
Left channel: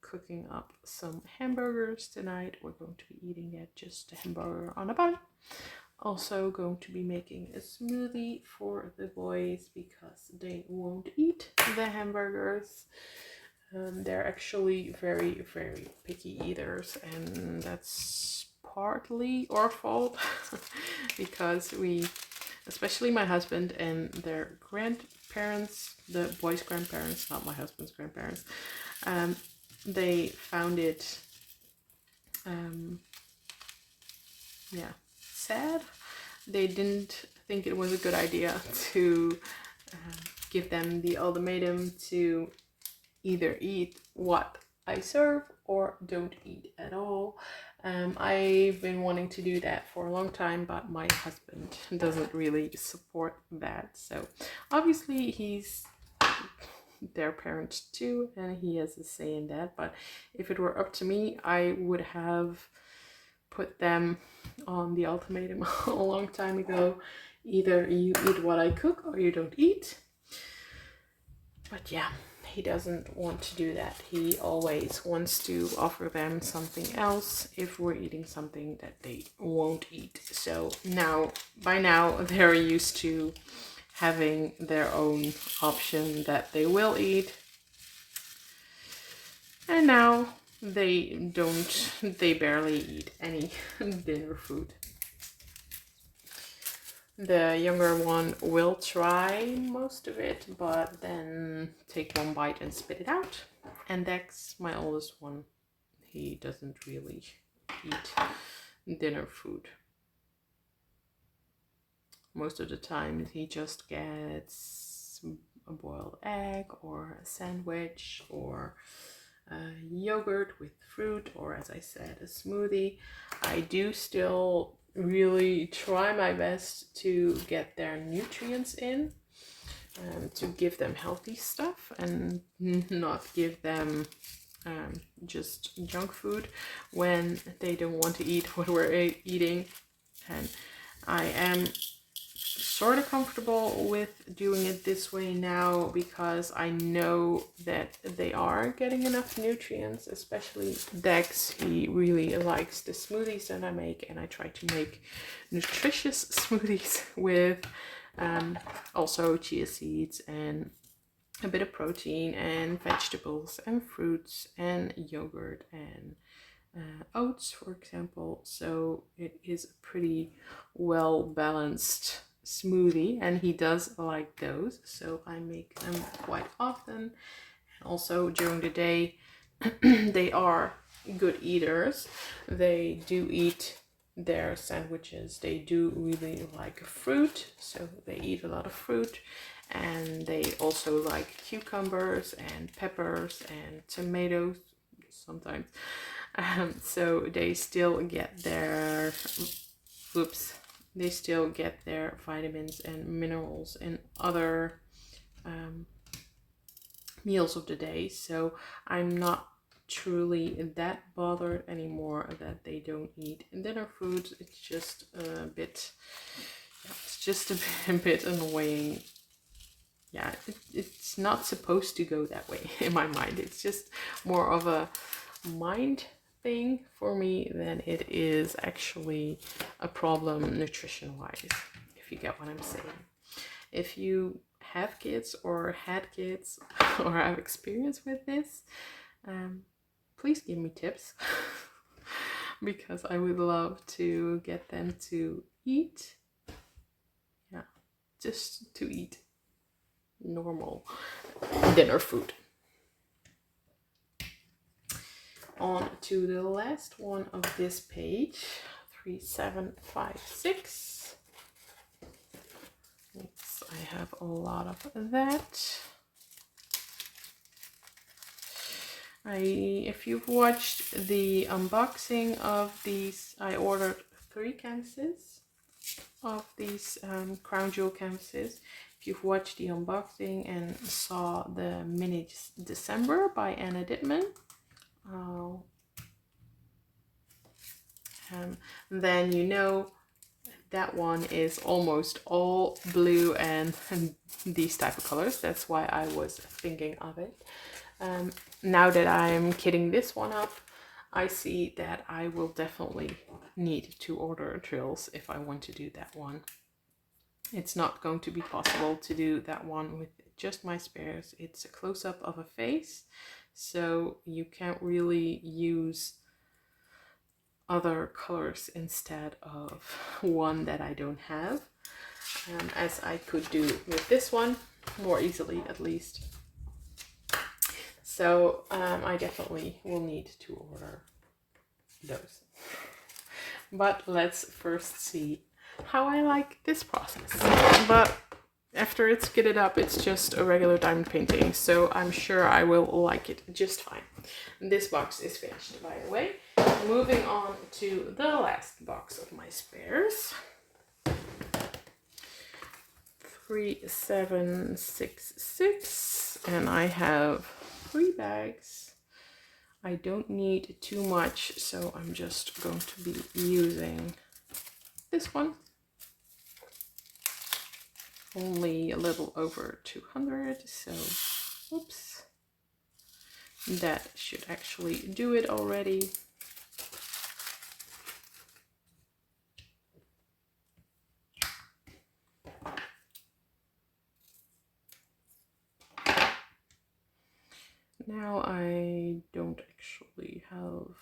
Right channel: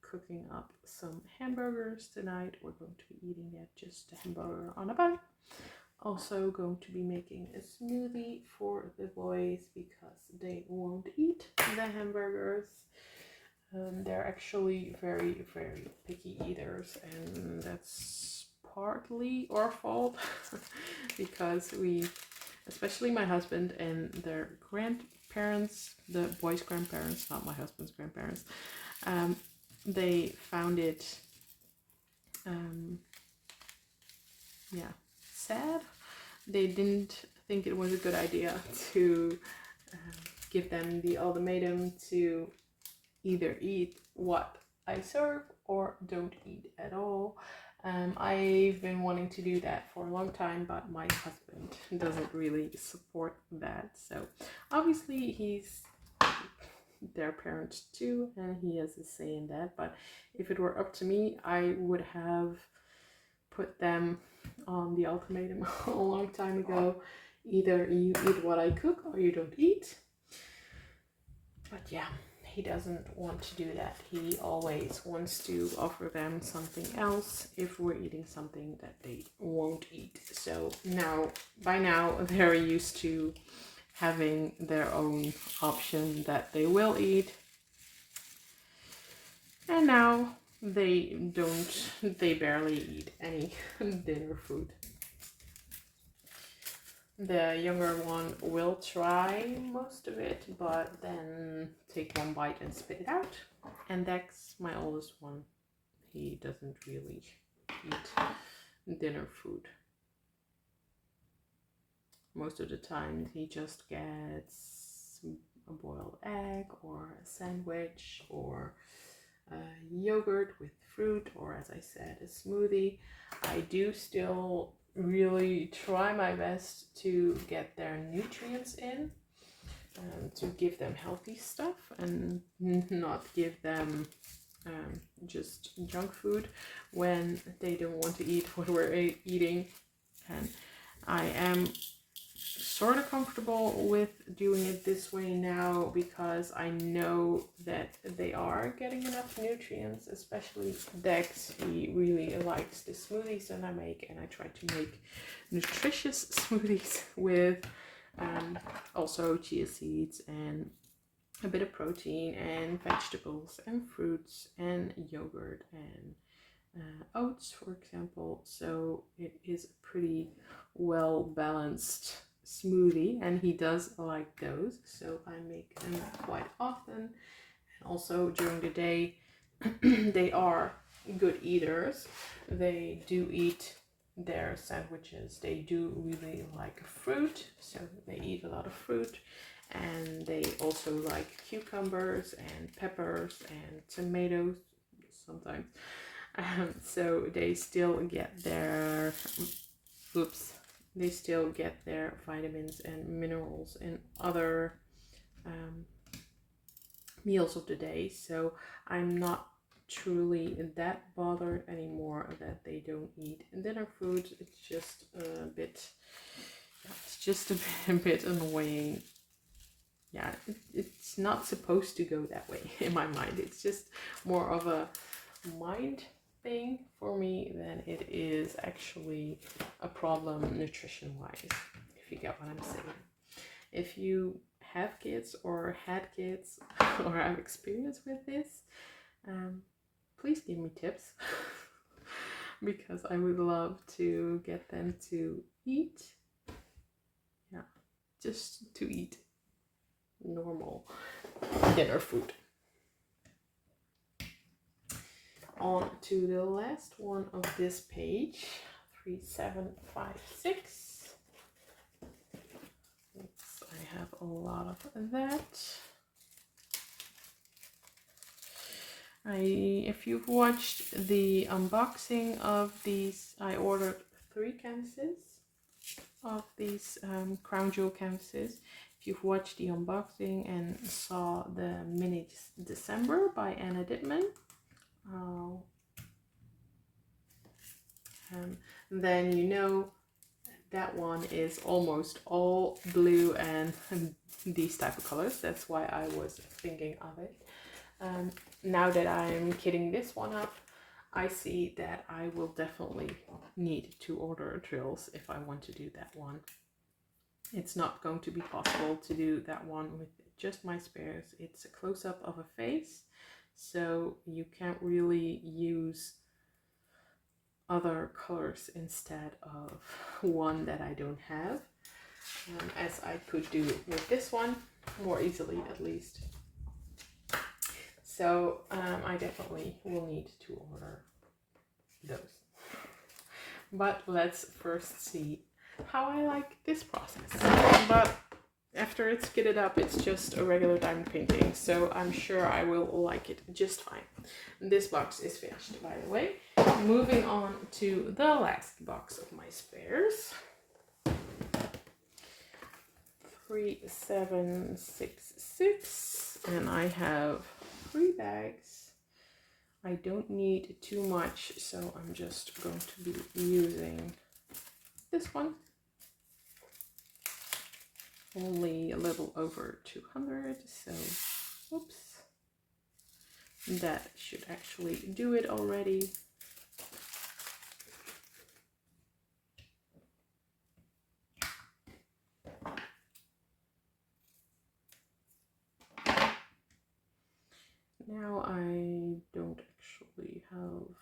cooking up some hamburgers tonight. We're going to be eating it, just a hamburger on a bun. Also going to be making a smoothie for the boys because they won't eat the hamburgers. They're actually very, very picky eaters, and that's partly our fault because we, especially my husband and their grandparents, the boys' grandparents, not my husband's grandparents, they found it, sad. They didn't think it was a good idea to give them the ultimatum to either eat what I serve or don't eat at all. I've been wanting to do that for a long time, but my husband doesn't really support that. So obviously he's their parent too, and he has a say in that. But if it were up to me, I would have put them on the ultimatum a long time ago. Either you eat what I cook or you don't eat. But yeah, he doesn't want to do that. He always wants to offer them something else if we're eating something that they won't eat. So by now they're used to having their own option that they will eat. And now they barely eat any dinner food. The younger one will try most of it, but then take one bite and spit it out. And Dex, my oldest one, he doesn't really eat dinner food. Most of the time he just gets a boiled egg or a sandwich or yogurt with fruit, or as I said, a smoothie. I do still really try my best to get their nutrients in, to give them healthy stuff and not give them just junk food when they don't want to eat what we're eating. And I am sort of comfortable with doing it this way now because I know that they are getting enough nutrients, especially Dex. He really likes the smoothies that I make, and I try to make nutritious smoothies with also chia seeds and a bit of protein and vegetables and fruits and yogurt and oats, for example. So it is a pretty well balanced smoothie, and he does like those, so I make them quite often. And also during the day they are good eaters. They do eat their sandwiches. They do really like fruit, so they eat a lot of fruit, and they also like cucumbers and peppers and tomatoes sometimes. So they still get their vitamins and minerals in other meals of the day. So I'm not truly that bothered anymore that they don't eat dinner food. It's just a bit a bit annoying. Yeah, it's not supposed to go that way in my mind. It's just more of a mind thing for me than it is actually a problem nutrition wise, if you get what I'm saying. If you have kids or had kids or have experience with this, please give me tips because I would love to get them to eat, just to eat normal dinner food. On to the last one of this page, 3756. Yes, I have a lot of that. If you've watched the unboxing of these, I ordered 3 canvases of these crown jewel canvases. If you've watched the unboxing and saw the mini December by Anna Dittman, then you know that one is almost all blue and these type of colors. That's why I was thinking of it. Now that I'm kitting this one up, I see that I will definitely need to order drills if I want to do that one. It's not going to be possible to do that one with just my spares. It's a close-up of a face, so you can't really use other colors instead of one that I don't have, as I could do with this one more easily at least. So I definitely will need to order those. But let's first see how I like this process. But after it's kitted up, it's just a regular diamond painting, so I'm sure I will like it just fine. This box is finished, by the way. Moving on to the last box of my spares. 3766, and I have 3 bags. I don't need too much, so I'm just going to be using this one. Only a little over 200, so oops. That should actually do it already. Now I don't actually have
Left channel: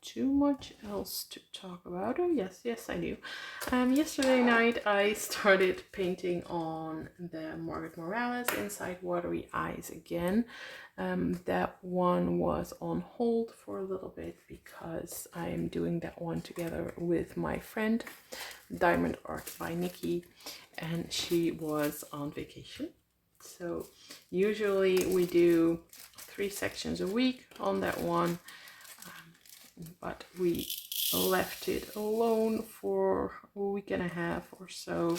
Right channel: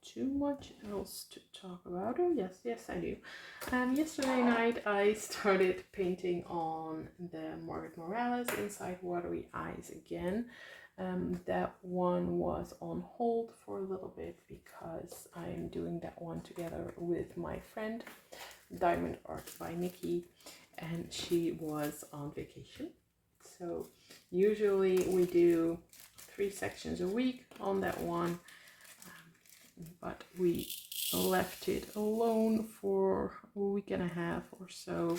too much else to talk about. Oh yes, I do. Yesterday night I started painting on the Margaret Morales Inside Watery Eyes again. That one was on hold for a little bit because I'm doing that one together with my friend Diamond Art by Nikki, and she was on vacation. So usually we do 3 sections a week on that one, but we left it alone for a week and a half or so,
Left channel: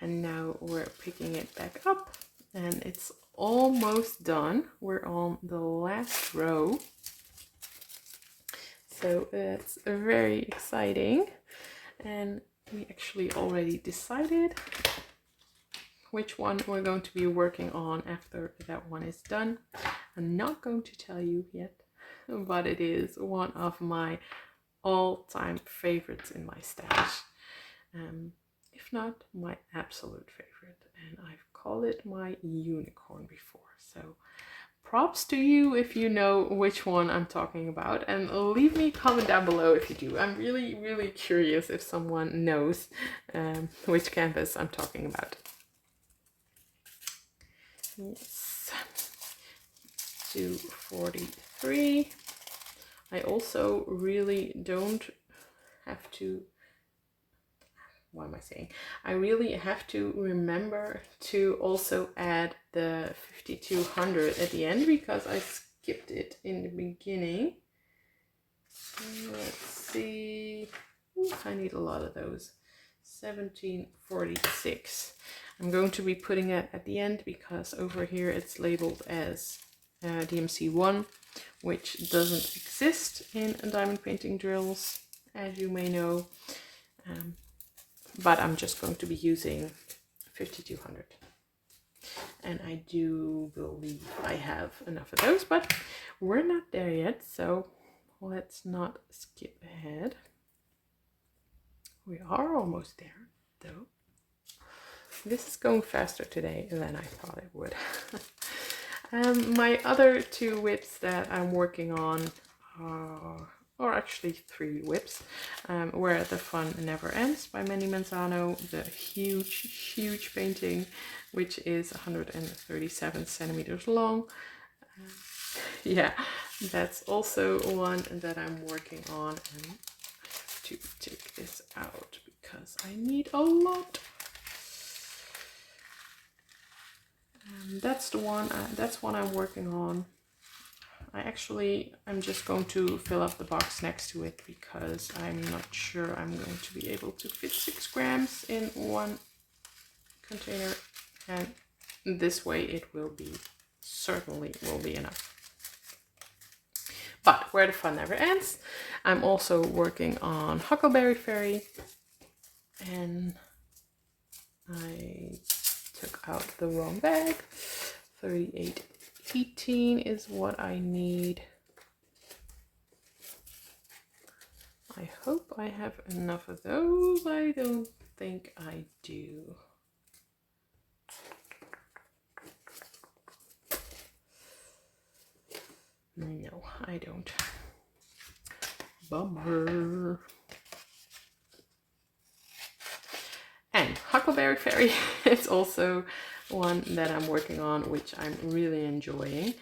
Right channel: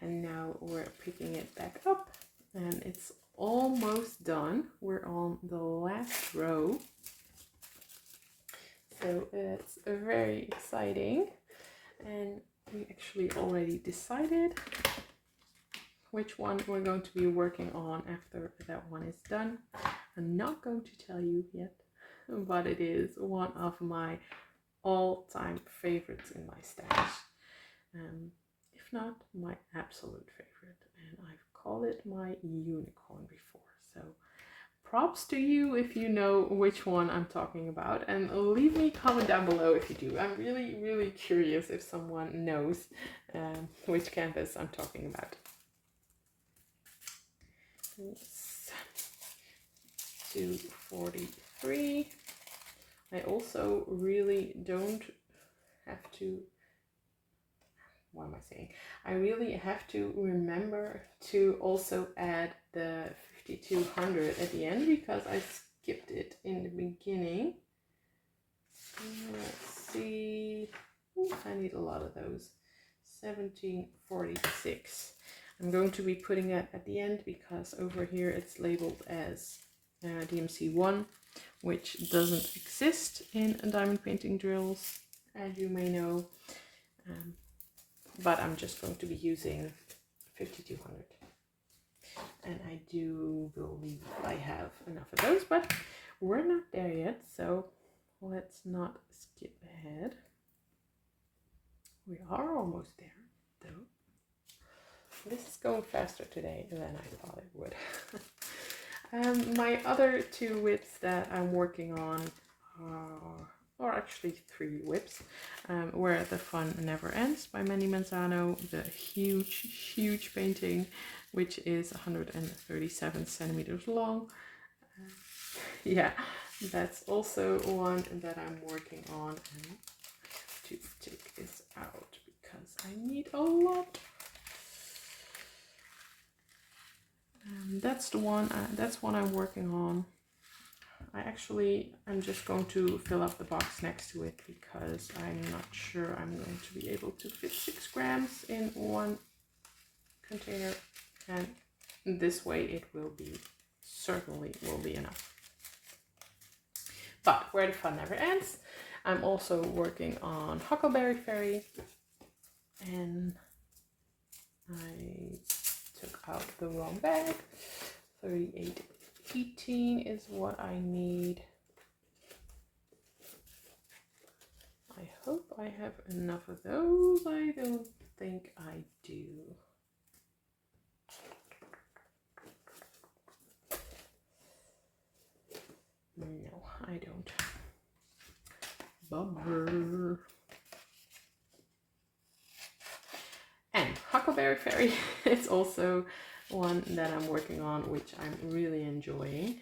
and now we're picking it back up and it's almost done. We're on the last row, so it's very exciting, and we actually already decided which one we're going to be working on after that one is done. I'm not going to tell you yet, but it is one of my all-time favorites in my stash. If not my absolute favorite, and I've called it my unicorn before. So props to you if you know which one I'm talking about, and leave me a comment down below if you do. I'm really curious if someone knows which canvas I'm talking about. Yes, 243. I also really don't have to, what am I saying? I really have to remember to also add the 5200 at the end because I skipped it in the beginning. Let's see. Ooh, I need a lot of those. 1746. I'm going to be putting it at the end because over here it's labeled as DMC1, which doesn't exist in diamond painting drills, as you may know. But I'm just going to be using 5200. And I do believe I have enough of those, but we're not there yet, so let's not skip ahead. We are almost there, though. This is going faster today than I thought it would. My other 2 whips that I'm working on or actually 3 whips, Where the Fun Never Ends by Manny Manzano, the huge painting, which is 137 centimeters long. Yeah, that's also one that I'm working on, and I have to take this out because I need a lot. That's the one. That's one I'm working on. I'm just going to fill up the box next to it because I'm not sure I'm going to be able to fit 6 grams in one container, and this way it will be, certainly will be enough. But Where the Fun Never Ends, I'm also working on Huckleberry Fairy. and I took out the wrong bag. 3818 is what I need. I hope I have enough of those. I don't think I do. No, I don't. Bummer. And Huckleberry Fairy is also one that I'm working on, which I'm really enjoying.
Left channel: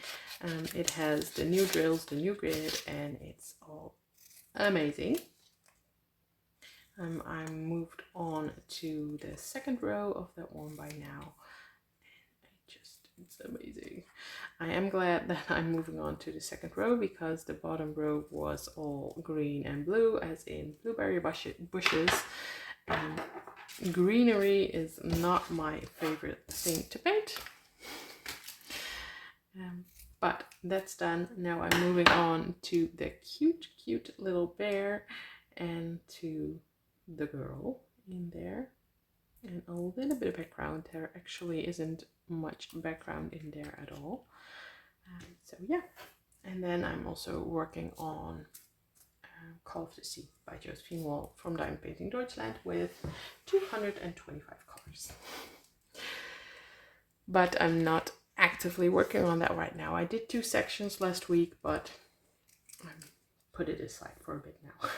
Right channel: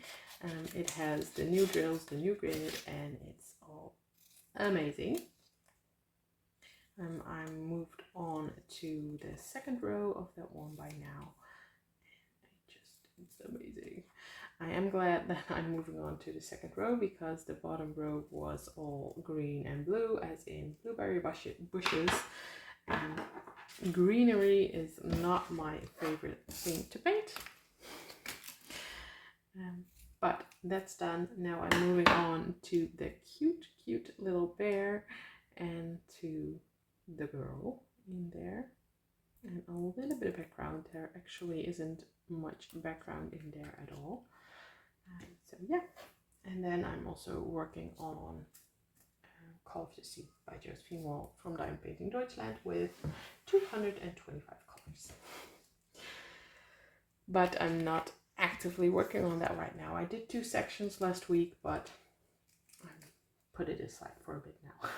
It has the new drills, the new grid, and it's all amazing. I'm moved on to the second row of that one by now. It's amazing. I am glad that I'm moving on to the second row because the bottom row was all green and blue, as in blueberry bushes. Greenery is not my favorite thing to paint. But that's done. Now I'm moving on to the cute little bear and to the girl in there. And a little bit of background. There actually isn't much background in there at all. So yeah. And then I'm also working on Call of the Sea by Josephine Wall from Diamond Painting Deutschland with 225 colors. But I'm not actively working on that right now. I did 2 sections last week, but I put it aside for a bit now.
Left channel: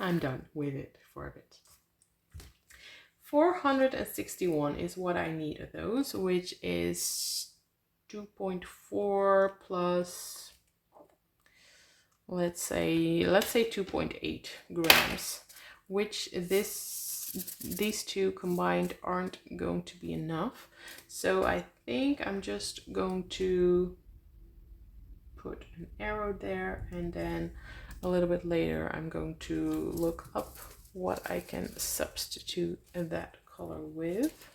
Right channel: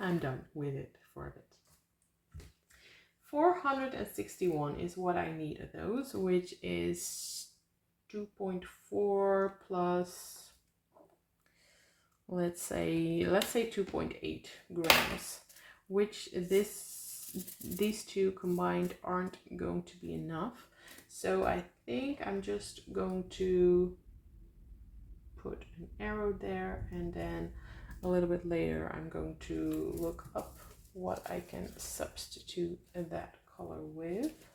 I'm done with it for a bit. 461 is what I need of those, which is 2.4 plus, let's say 2.8 grams, which these two combined aren't going to be enough. So I think I'm just going to put an arrow there, and then a little bit later I'm going to look up what I can substitute that color with,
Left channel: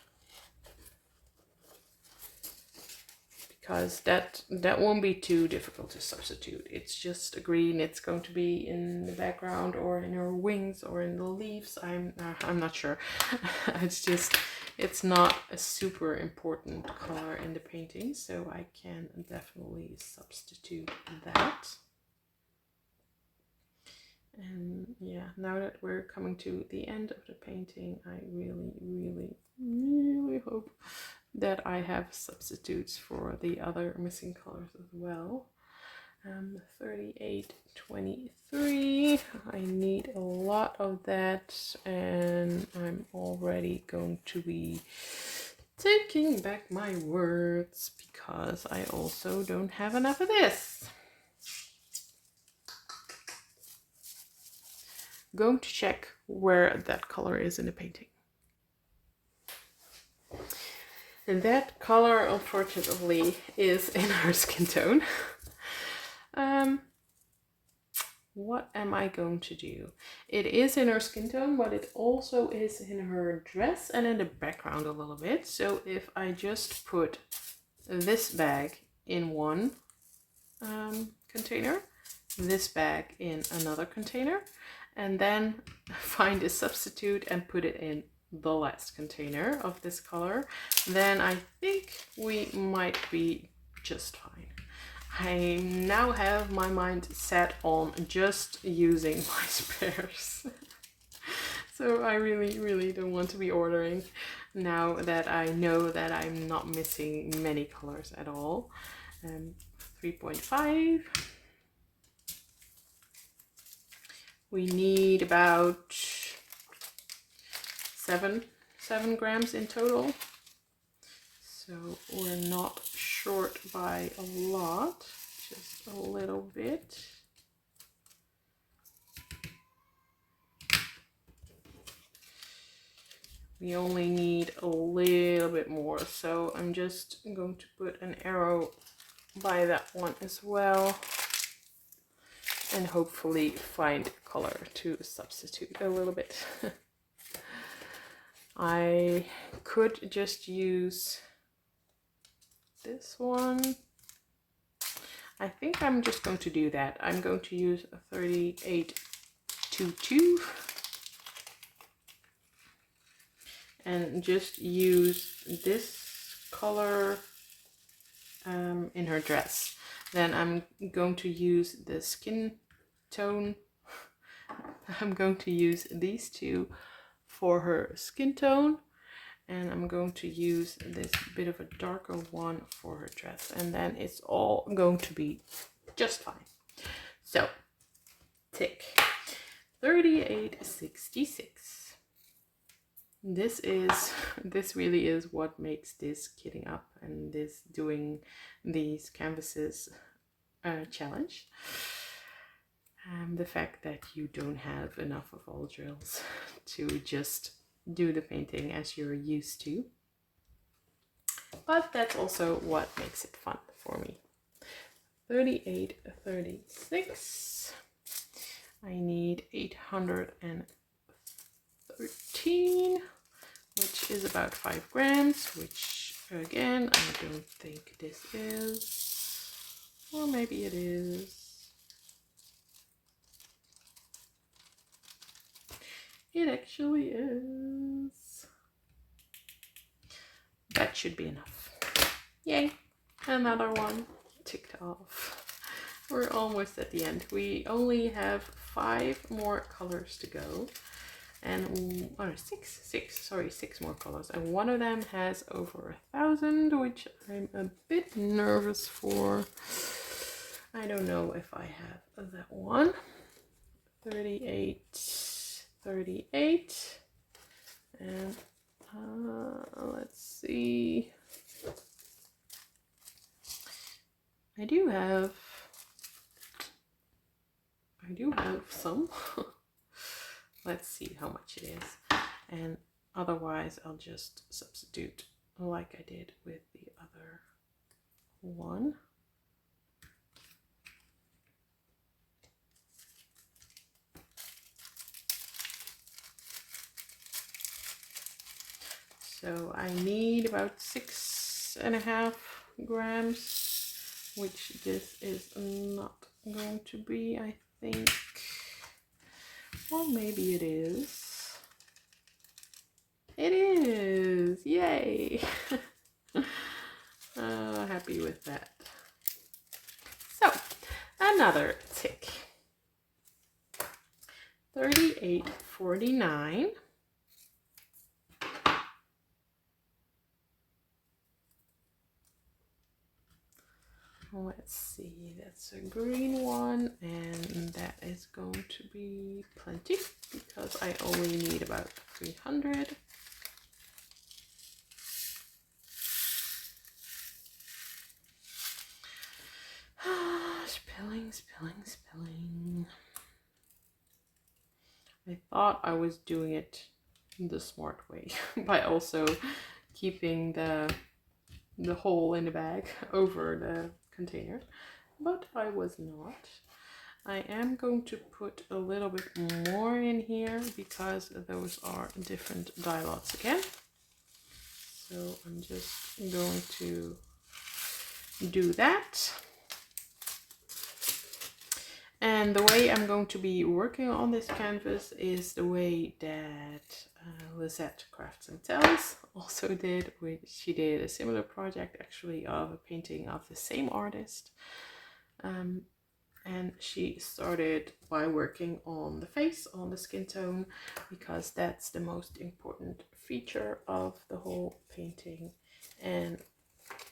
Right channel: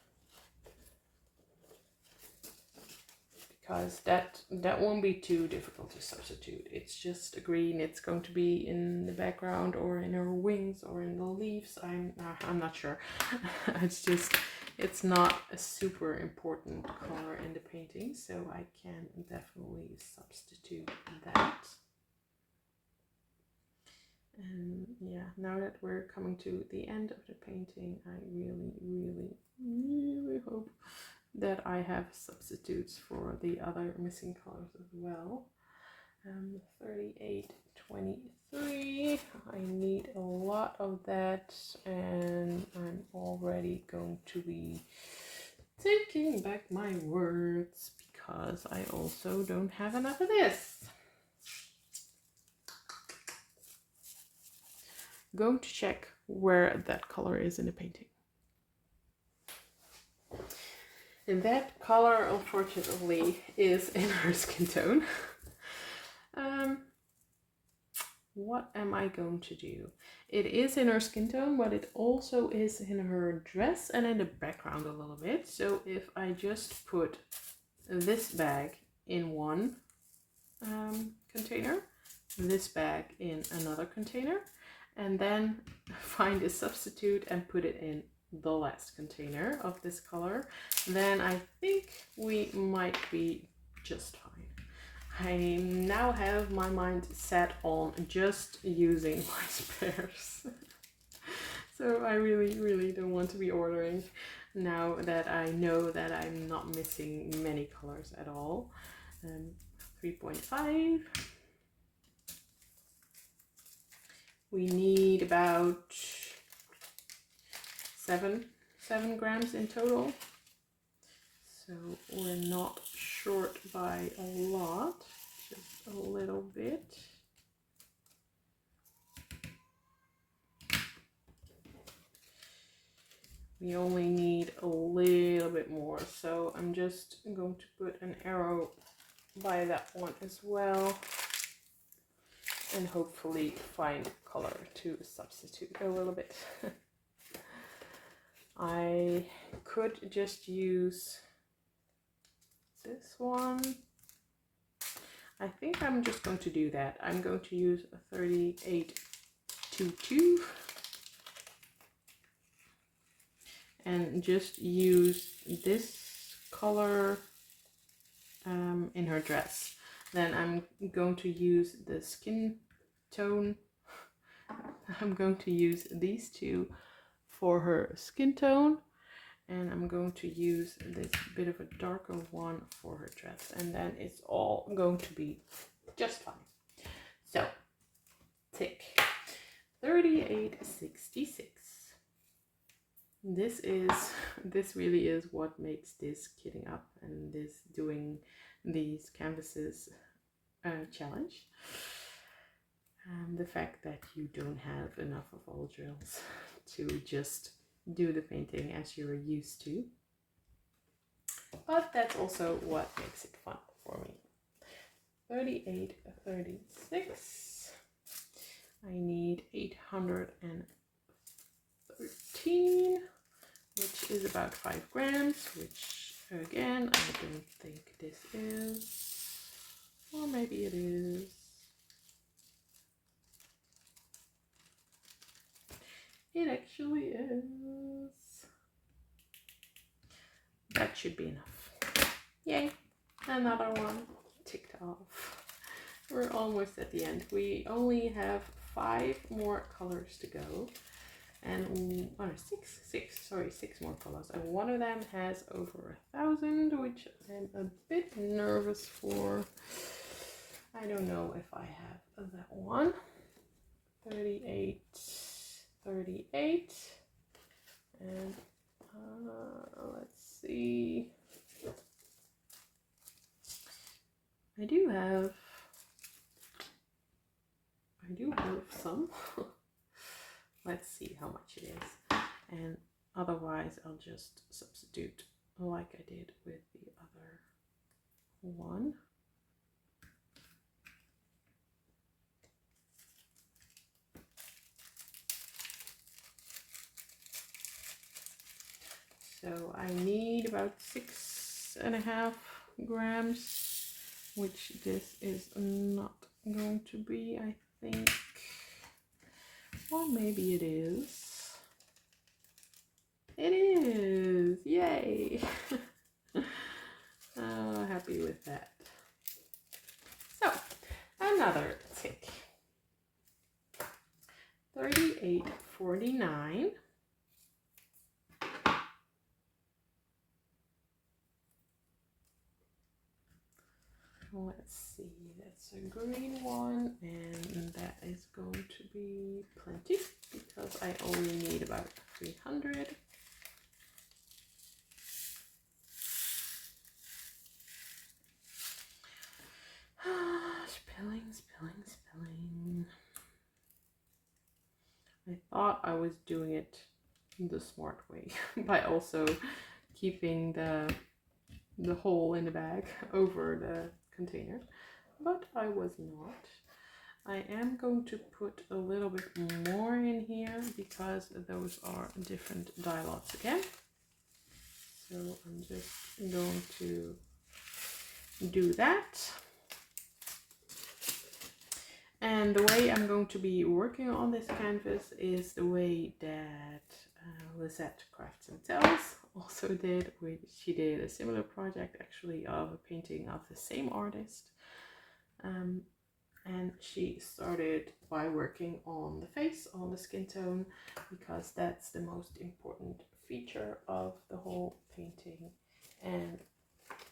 because that won't be too difficult to substitute. It's just a green. It's going to be in the background or in her wings or in the leaves. I'm not sure. It's not a super important color in the painting, so I can definitely substitute that. And yeah, now that we're coming to the end of the painting, I really hope that I have substitutes for the other missing colors as well. 3823, I need a lot of that, and I'm already going to be taking back my words because I also don't have enough of this. Going to check where that color is in the painting. And that color, unfortunately, is in her skin tone. What am I going to do? It is in her skin tone, but it also is in her dress and in the background a little bit. So if I just put this bag in one container, this bag in another container, and then find a substitute and put it in the last container of this color, then I think we might be just fine. I now have my mind set on just using my spares. So I really don't want to be ordering now that I know that I'm not missing many colors at all. 3.5. We need about 7 grams in total. So we're not short by a lot, just a little bit. We only need a little bit more, so I'm just going to put an arrow by that one as well, and hopefully find color to substitute a little bit. I could just use this one. I think I'm just going to do that. I'm going to use a 3822. and just use this color in her dress. Then I'm going to use the skin tone. I'm going to use these two for her skin tone, and I'm going to use this bit of a darker one for her dress, and then it's all going to be just fine. So tick. 38.66. This really is what makes this kitting up and this doing these canvases challenge. The fact that you don't have enough of all drills to just do the painting as you're used to, but that's also what makes it fun for me. 38.36. I need 813, which is about 5 grams, which again, I don't think this is, or maybe it is. It actually is. That should be enough. Yay, another one ticked off. We're almost at the end. We only have 5 more colors to go, and six more colors, and one of them has over 1,000, which I'm a bit nervous for. I don't know if I have that one. 38, and let's see. I do have some. Let's see how much it is, and otherwise I'll just substitute like I did with the other one. So I need about 6.5 grams, which this is not going to be, I think. Or maybe it is. It is! Yay! Happy with that. So, another tick. 38.49. Let's see, that's a green one, and that is going to be plenty because I only need about 300. Spilling. I thought I was doing it the smart way by also keeping the hole in the bag over the container, but I was not. I am going to put a little bit more in here because those are different dye lots again. So I'm just going to do that. And the way I'm going to be working on this canvas is the way that Lisette Crafts and Tells also did, which she did a similar project actually of a painting of the same artist. And she started by working on the face, on the skin tone, because that's the most important feature of the whole painting. And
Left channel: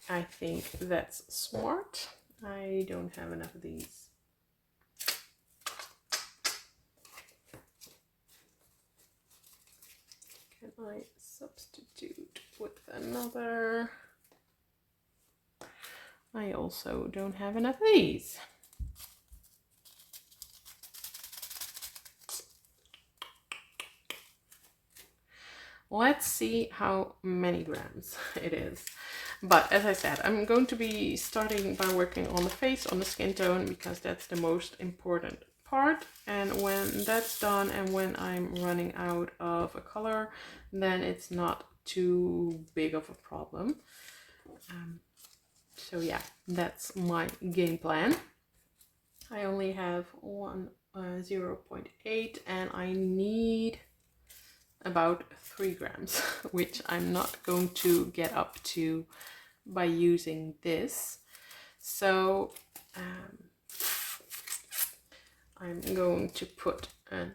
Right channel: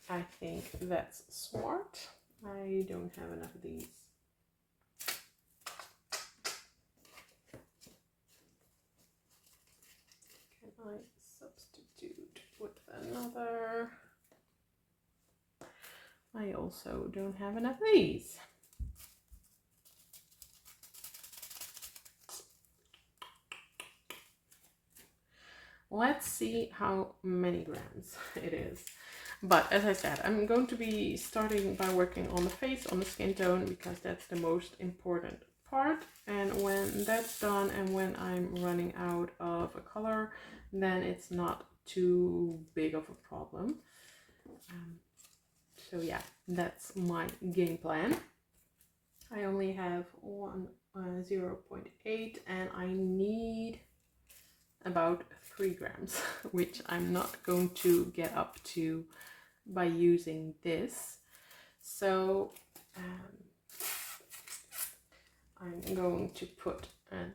I think that's smart. I don't have enough of these. Can I substitute with another? I also don't have enough of these. Let's see how many grams it is. But as I said, I'm going to be starting by working on the face, on the skin tone, because that's the most important part. And when that's done and when I'm running out of a color, then it's not too big of a problem. So yeah, that's my game plan. I only have 0.8 and I need about 3 grams, which I'm not going to get up to by using this. So I'm going to put an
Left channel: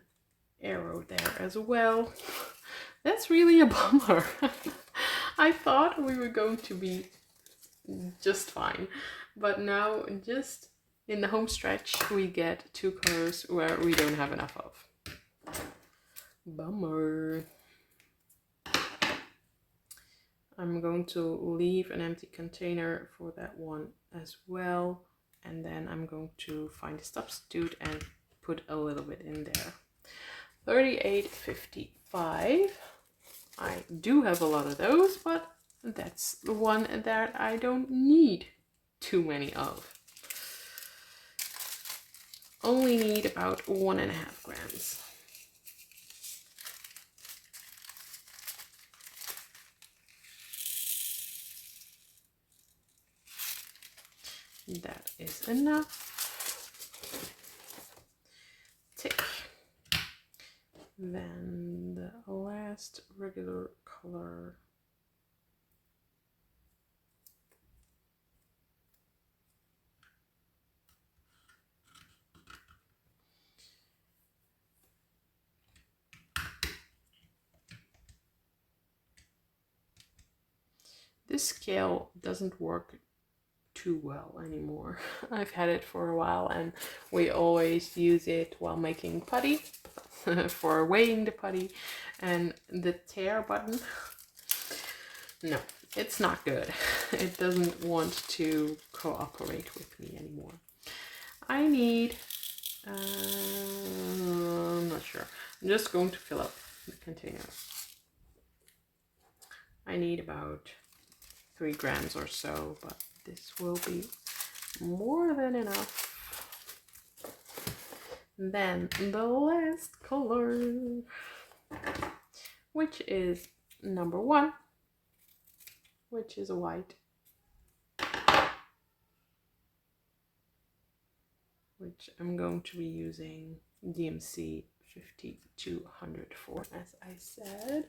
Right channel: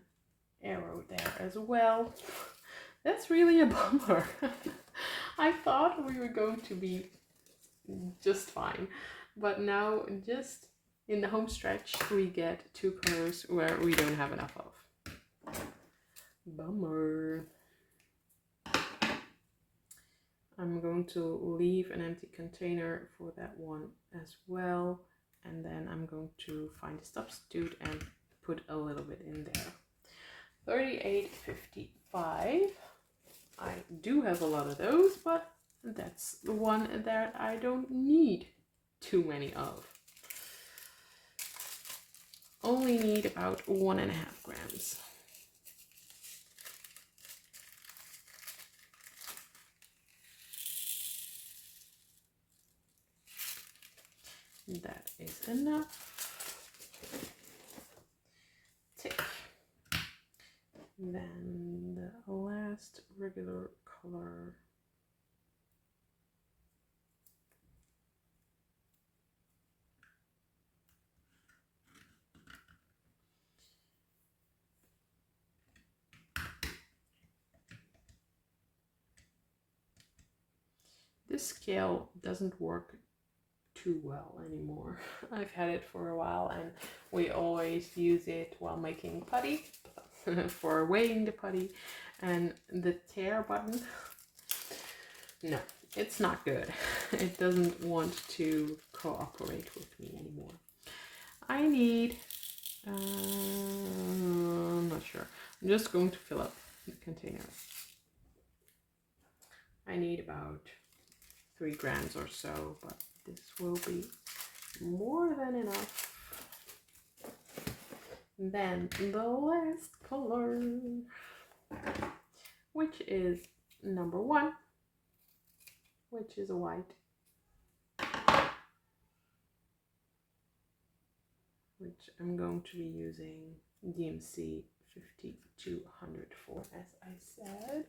arrow there as well. That's really a bummer. I thought we were going to be just fine, but now just in the home stretch we get 2 colors where we don't have enough of. Bummer. I'm going to leave an empty container for that one as well, and then I'm going to find a substitute and put a little bit in there. 38.55. I do have a lot of those, but that's the one that I don't need too many of. Only need about 1.5 grams. That is enough. Tick. Then the last regular color. This scale doesn't work too well anymore. I've had it for a while and we always use it while making putty for weighing the putty, and the tear button, no, it's not good. It doesn't want to cooperate with me anymore. I need, I'm not sure. I'm just going to fill up the container. I need about 3 grams or so, but this will be more than enough. Then the last color, which is number 1, which is a white, which I'm going to be using DMC 5200 for, as I said.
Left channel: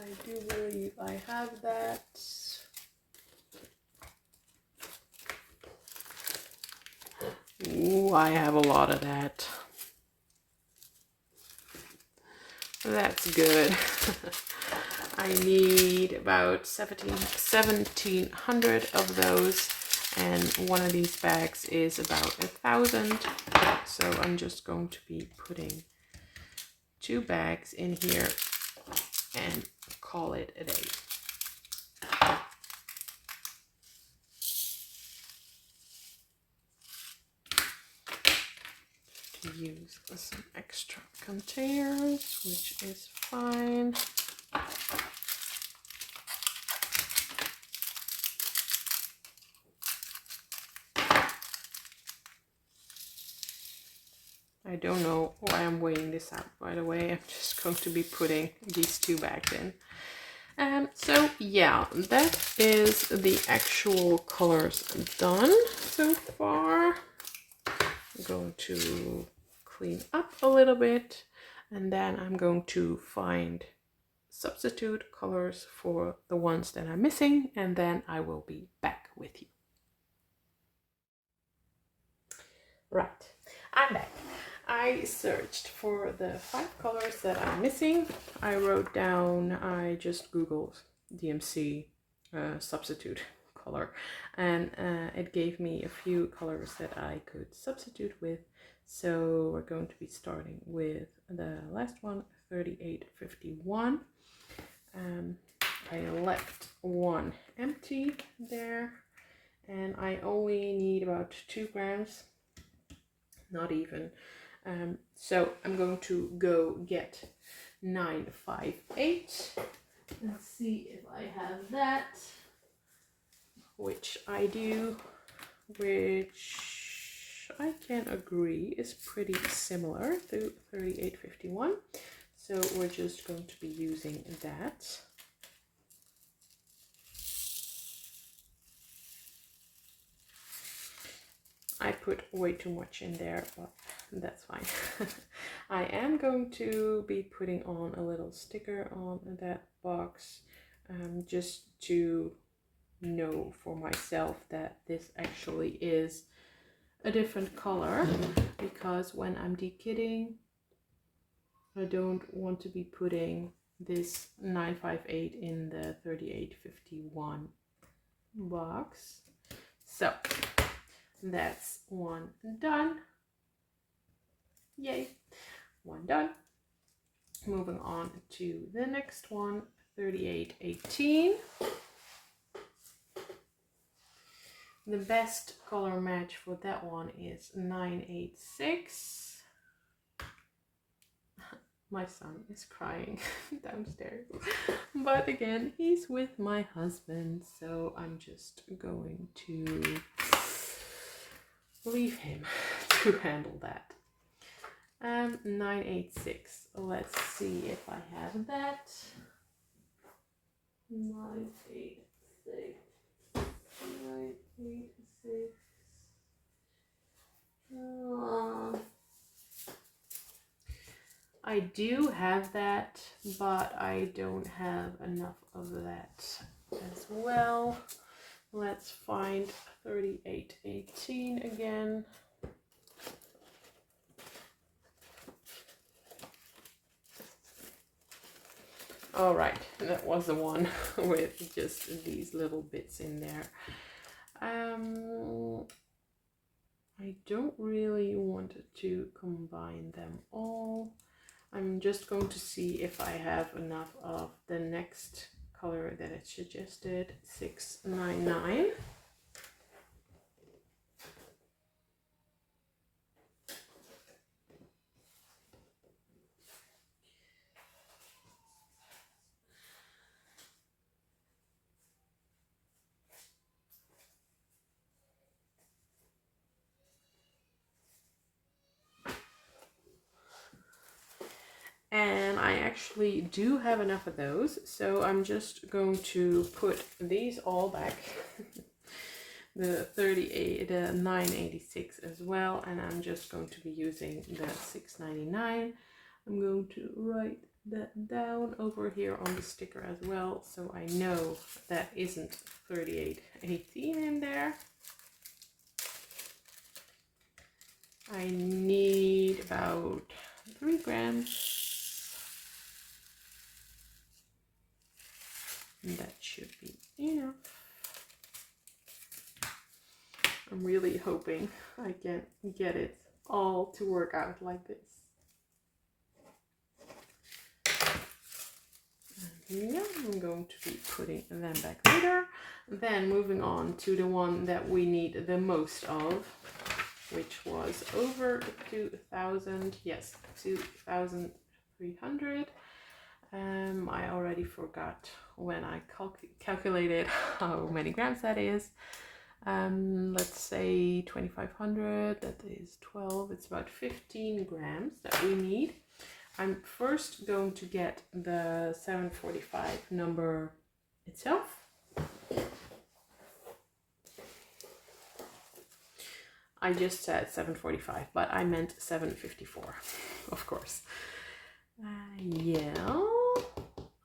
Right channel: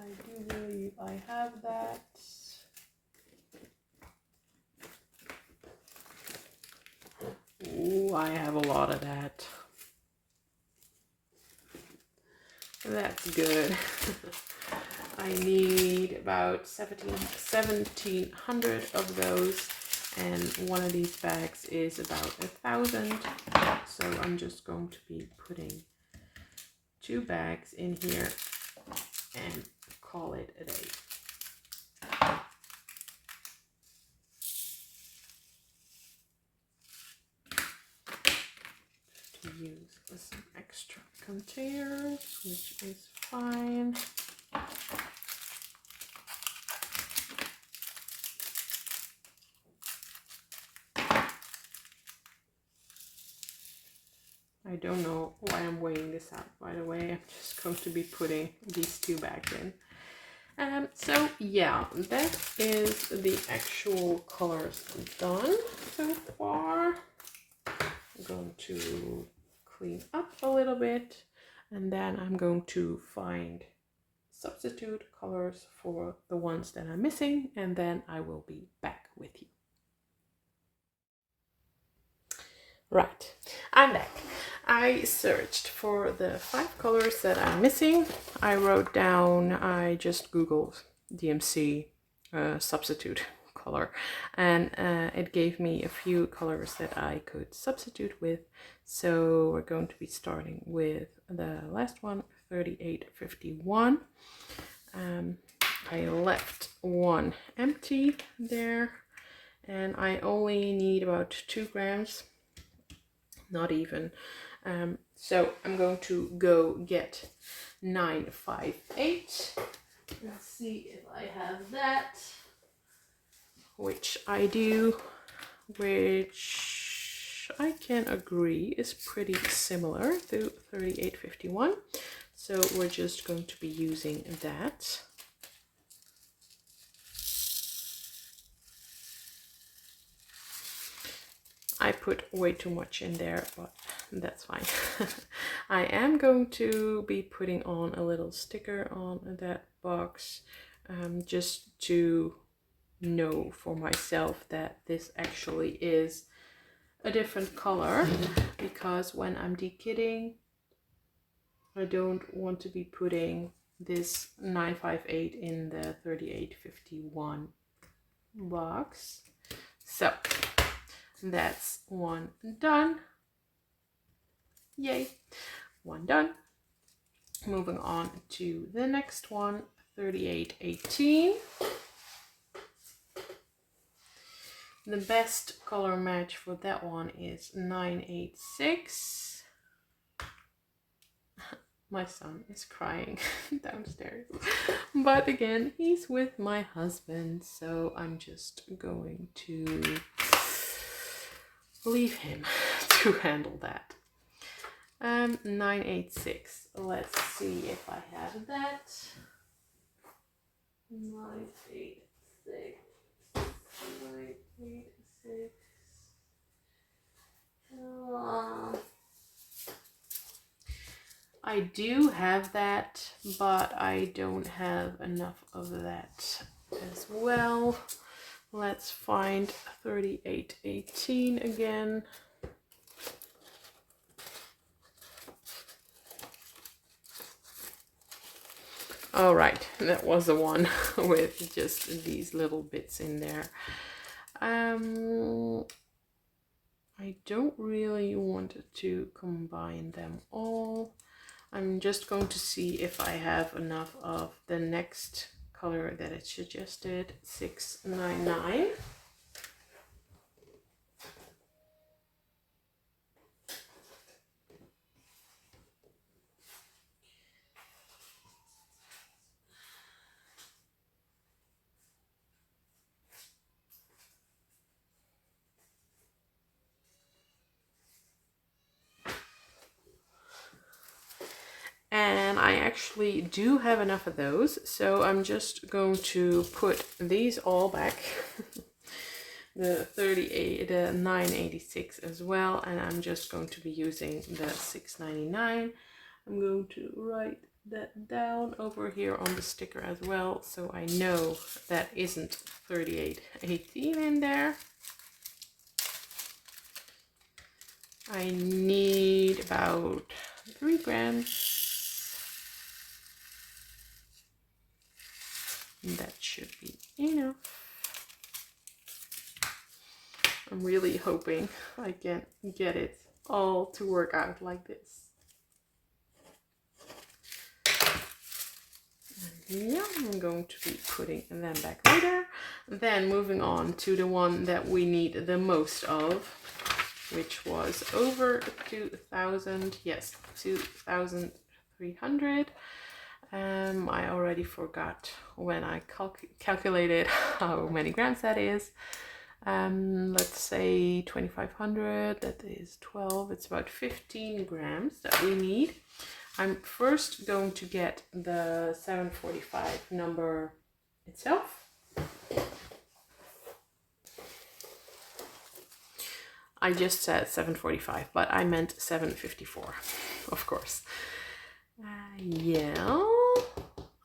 I do believe I have that. Ooh, I have a lot of that. That's good. I need about 1700 of those, and one of these bags is about 1,000. So I'm just going to be putting 2 bags in here and call it a day. To use some extra containers, which is fine. I don't know why I'm weighing this out, by the way. I'm just going to be putting these 2 bags in. So yeah, that is the actual colors done so far. I'm going to clean up a little bit, and then I'm going to find substitute colors for the ones that I'm missing, and then I will be back with you. Right, I'm back. I searched for the 5 colors that I'm missing. I wrote down, I just Googled DMC substitute color, and it gave me a few colors that I could substitute with. So we're going to be starting with the last one, 38.51. I left one empty there, and I only need about 2 grams, not even. So I'm going to go get 958. Let's see if I have that, which I do, which I can agree is pretty similar to 38.51. So we're just going to be using that. I put way too much in there, but that's fine. I am going to be putting on a little sticker on that box, just to know for myself that this actually is a different color, because when I'm dekitting, I don't want to be putting this 958 in the 3851 box. So that's one done. Yay, one done. Moving on to the next one, 3818. The best color match for that one is 986. My son is crying downstairs, but again, he's with my husband, so I'm just going to leave him to handle that. 986. Let's see if I have that. 986. 986. I do have that, but I don't have enough of that as well. Let's find 3818 again. All right, that was the one with just these little bits in there. I don't really want to combine them all. I'm just going to see if I have enough of the next color that it suggested, 699. And I actually do have enough of those, so I'm just going to put these all back. The 986 as well, and I'm just going to be using the 699. I'm going to write that down over here on the sticker as well, so I know that isn't 3818 in there. I need about 3 grams. That should be enough. I'm really hoping I can get it all to work out like this. And yeah, I'm going to be putting them back later. Then moving on to the one that we need the most of, which was over 2,000. Yes, 2,300. I already forgot when I calculated how many grams that is. Let's say 2,500, that is 12, it's about 15 grams that we need. I'm first going to get the 745 number itself. I just said 745, but I meant 754, of course. Yeah,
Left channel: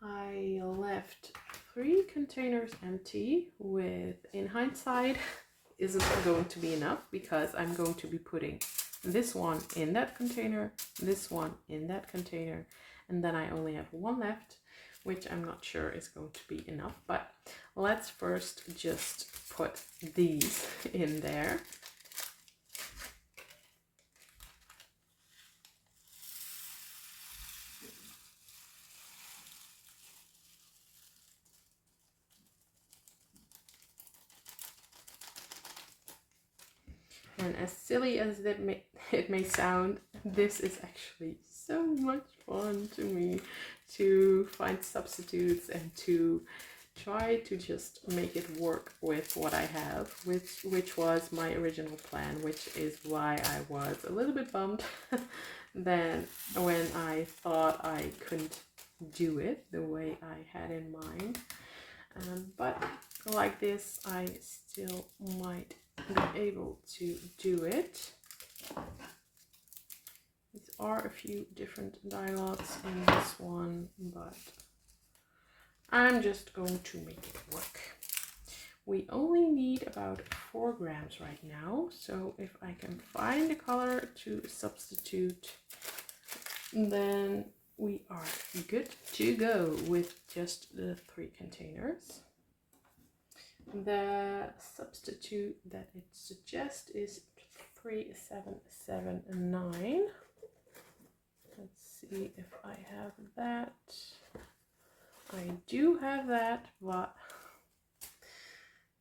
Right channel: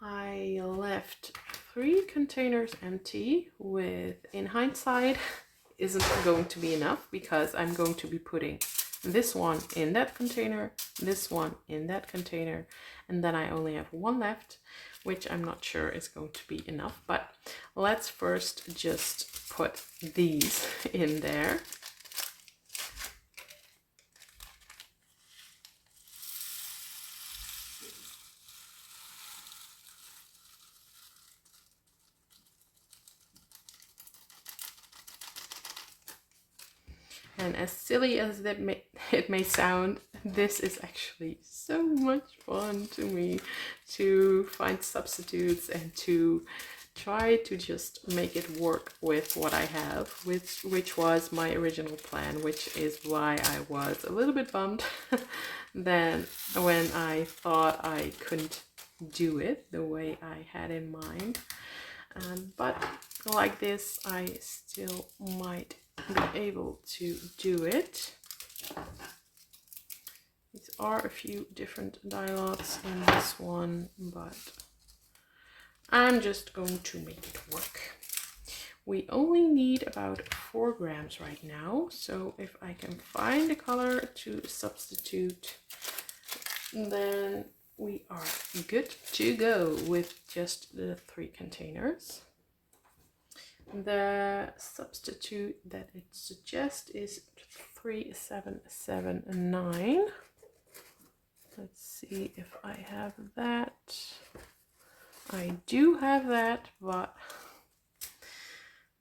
I left 3 containers empty, with, in hindsight, isn't going to be enough, because I'm going to be putting this one in that container, this one in that container, and then I only have 1 left, which I'm not sure is going to be enough. But let's first just put these in there. And as silly as it may sound, this is actually so much fun to me, to find substitutes and to try to just make it work with what I have, which was my original plan, which is why I was a little bit bummed then when I thought I couldn't do it the way I had in mind. But like this, I still might be able to do it. These are a few different dye lots in this one, but I'm just going to make it work. We only need about 4 grams right now, so if I can find a color to substitute, then we are good to go with just the 3 containers. The substitute that it suggests is 3779. Let's see if I have that. I do have that, but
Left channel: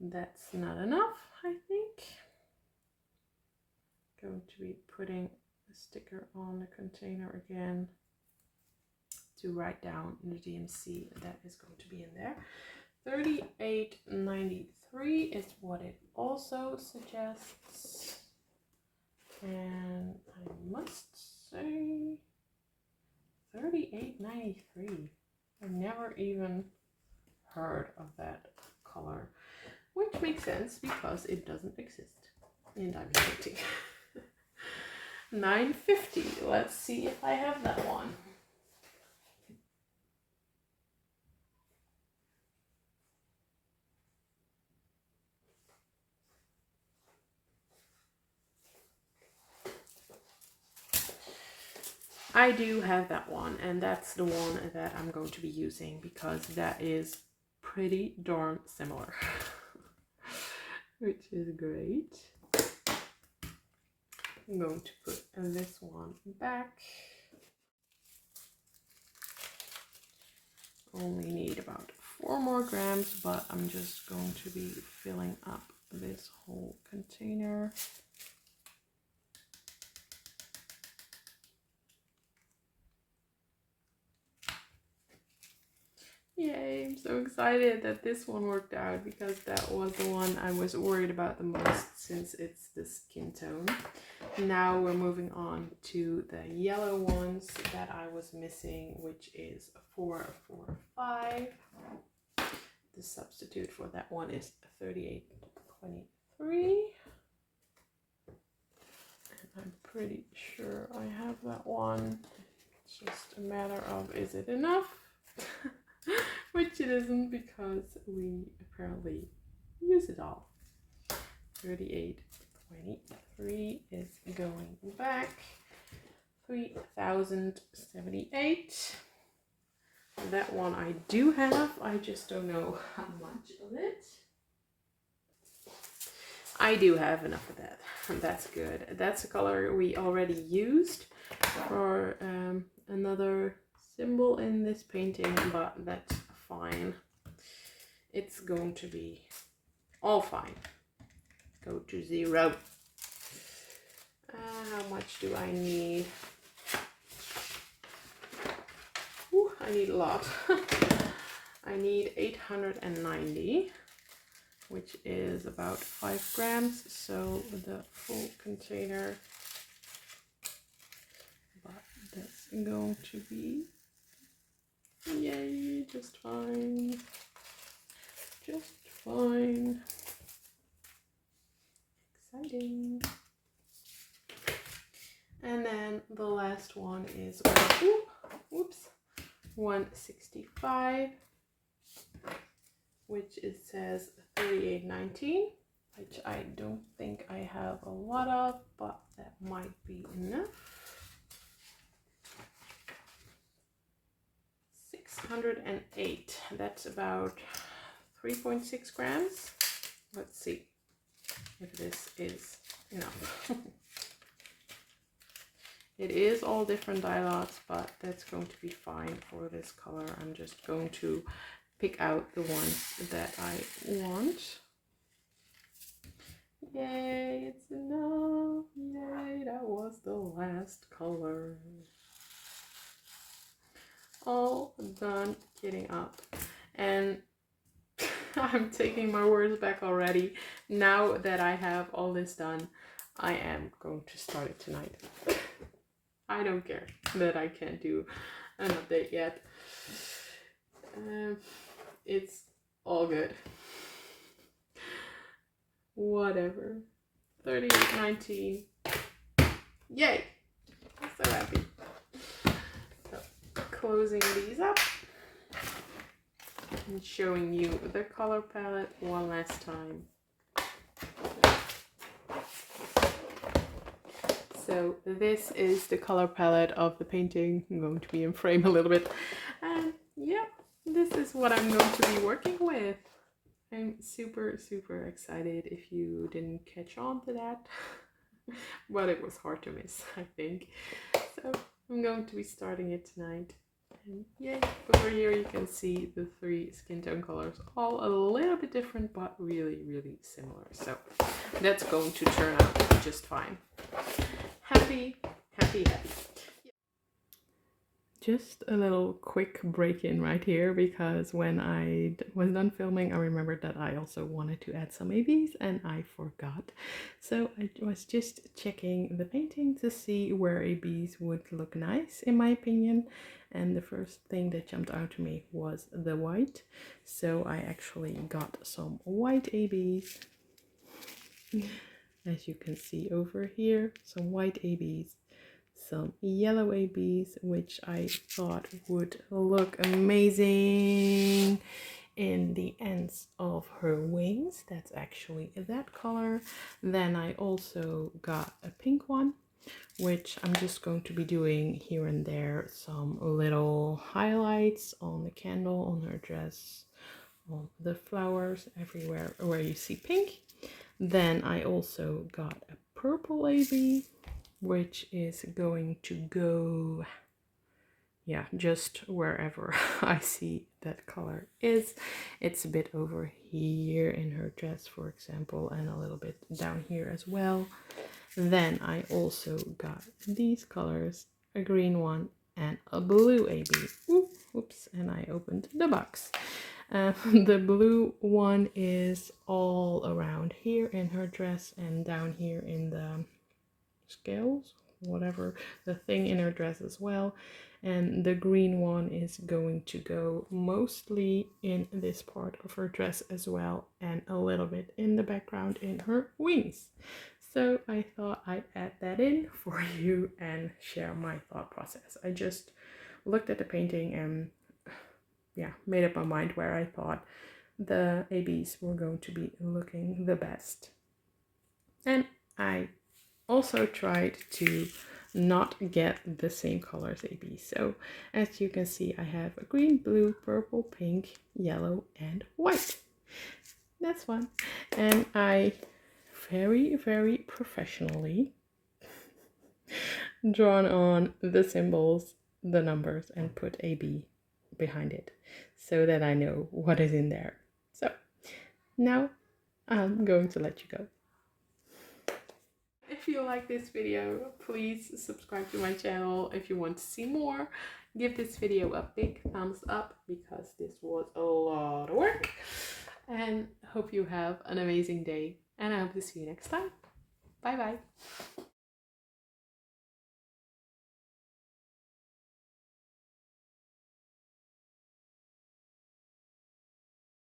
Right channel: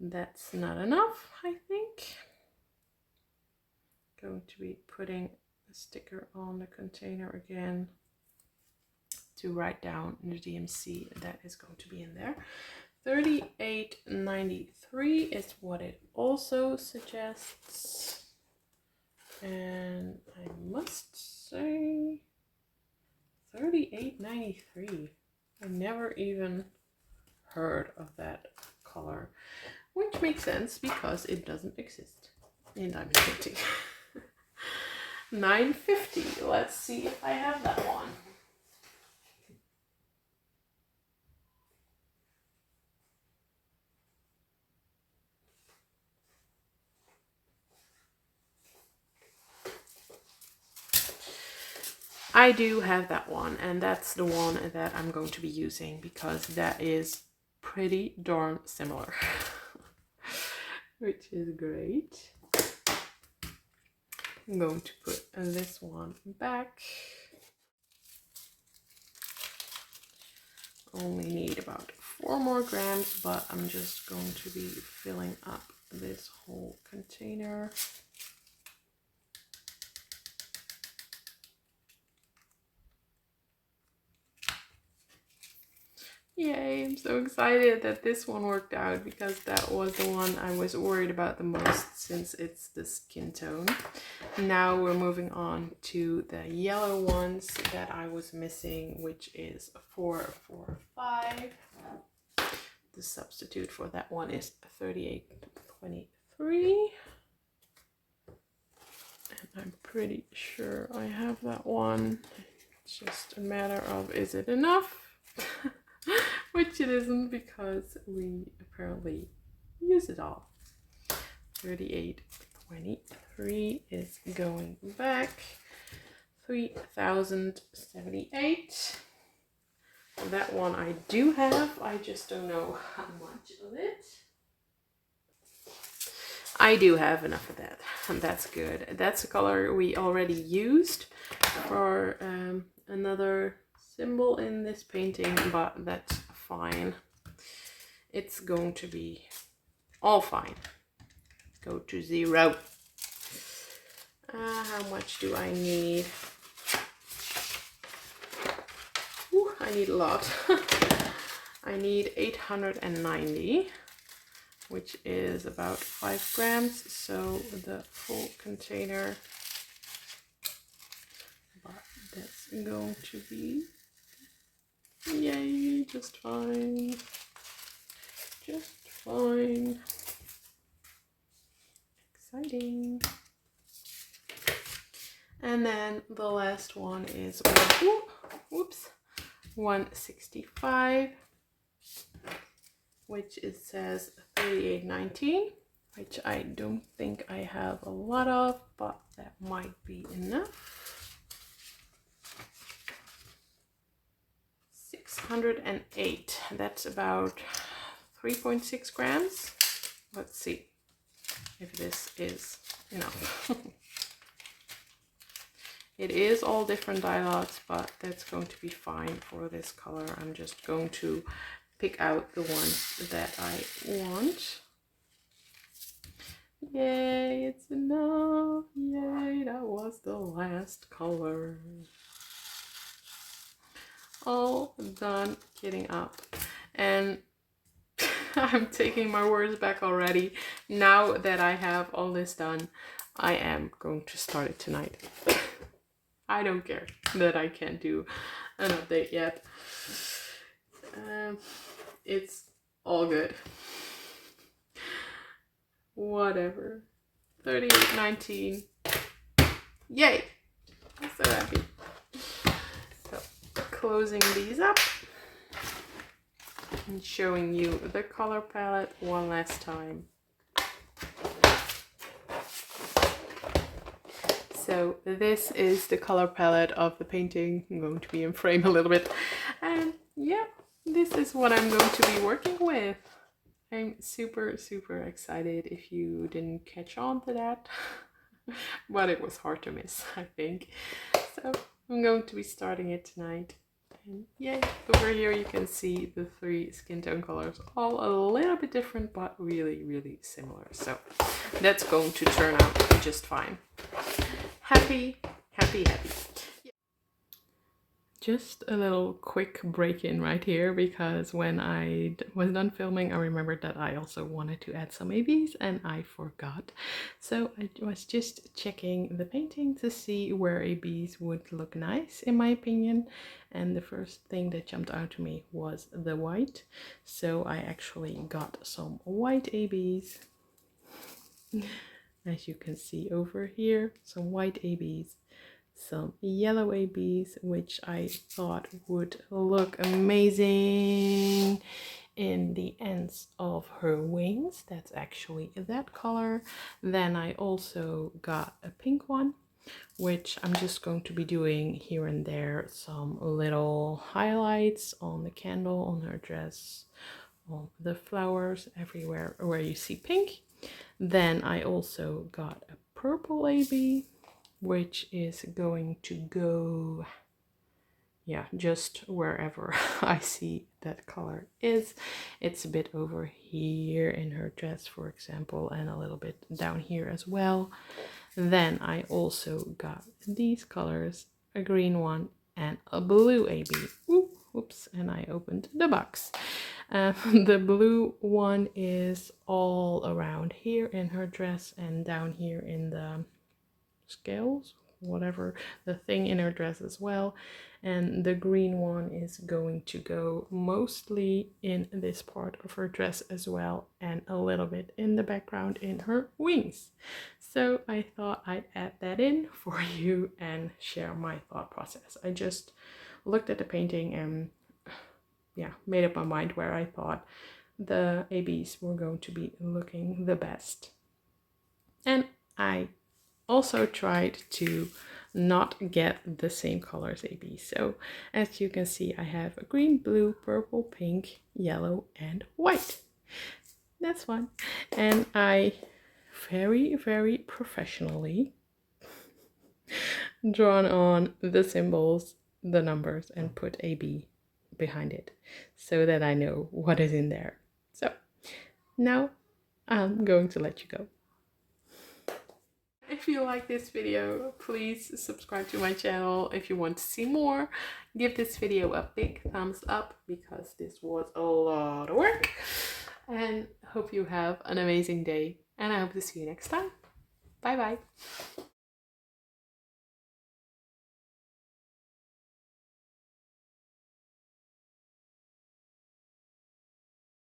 that's not enough, I think. Going to be putting the sticker on the container again to write down the DMC that is going to be in there. 38.93 is what it also suggests. And I must say 38.93. I never even heard of that color, which makes sense because it doesn't exist in diamond painting. 9.50. Let's see if I have that one. I do have that one, and that's the one that I'm going to be using because that is pretty darn similar, which is great. I'm going to put this one back. Only need about 4 more grams, but I'm just going to be filling up this whole container. Yay, I'm so excited that this one worked out because that was the one I was worried about the most since it's the skin tone. Now we're moving on to the yellow ones that I was missing, which is 445. The substitute for that one is 38.23. And I'm pretty sure I have that one. It's just a matter of, is it enough? Which it isn't because we apparently use it all. 38.23 is going back. 3078. That one I do have. I just don't know how much of it. I do have enough of that, and that's good. That's a color we already used for another symbol in this painting, but that's fine. It's going to be all fine. Go to 0. How much do I need? Ooh, I need a lot. I need 890, which is about 5 grams, so the full container, but that's going to be, yay, just fine, just fine, exciting. And then the last one is, whoops, 165, which it says 38.19, which I don't think I have a lot of, but that might be enough. 608, that's about 3.6 grams. Let's see if this is enough. It is all different dye lots, but that's going to be fine for this color. I'm just going to pick out the ones that I want. Yay, it's enough. Yay, that was the last color. All done kitting up. And I'm taking my words back already. Now that I have all this done, I am going to start it tonight. I don't care that I can't do an update yet. It's all good. whatever. 38.19. Yay! I'm so happy. So, closing these up and showing you the color palette one last time. So this is the color palette of the painting. I'm going to be in frame a little bit. And yeah, this is what I'm going to be working with. I'm super, super excited if you didn't catch on to that. But it was hard to miss, I think. So I'm going to be starting it tonight. And yay, over here you can see the 3 skin tone colors, all a little bit different, but really, really similar. So that's going to turn out just fine. Happy, happy, happy. Just a little quick break-in right here, because when I was done filming, I remembered that I also wanted to add some ABs and I forgot. So I was just checking the painting to see where ABs would look nice, in my opinion. And the first thing that jumped out to me was the white. So I actually got some white ABs. As you can see over here, some white ABs, some yellow ABs, which I thought would look amazing in the ends of her wings. That's actually that color. Then I also got a pink one, which I'm just going to be doing here and there some little highlights on the candle, on her dress, on the flowers, everywhere where you see pink. Then I also got a purple AB, which is going to go, yeah, just wherever I see that color is. It's a bit over here in her dress, for example, and a little bit down here as well. Then I also got these colors, a green one and a blue AB. Oops, and I opened the box. The blue one is all around here in her dress and down here in the scales, whatever, the thing in her dress as well. And the green one is going to go mostly in this part of her dress as well, and a little bit in the background in her wings. So I thought I'd add that in for you and share my thought process. I just looked at the painting and yeah, made up my mind where I thought the ABs were going to be looking the best. And I also tried to not get the same colors AB. So as you can see, I have a green, blue, purple, pink, yellow, and white. That's fun. And I very, very professionally drawn on the symbols, the numbers, and put AB behind it so that I know what is in there. So now I'm going to let you go. If you like this video, please subscribe to my channel. If you want to see more, give this video a big thumbs up, because this was a lot of work. And hope you have an amazing day, and I hope to see you next time. Bye bye.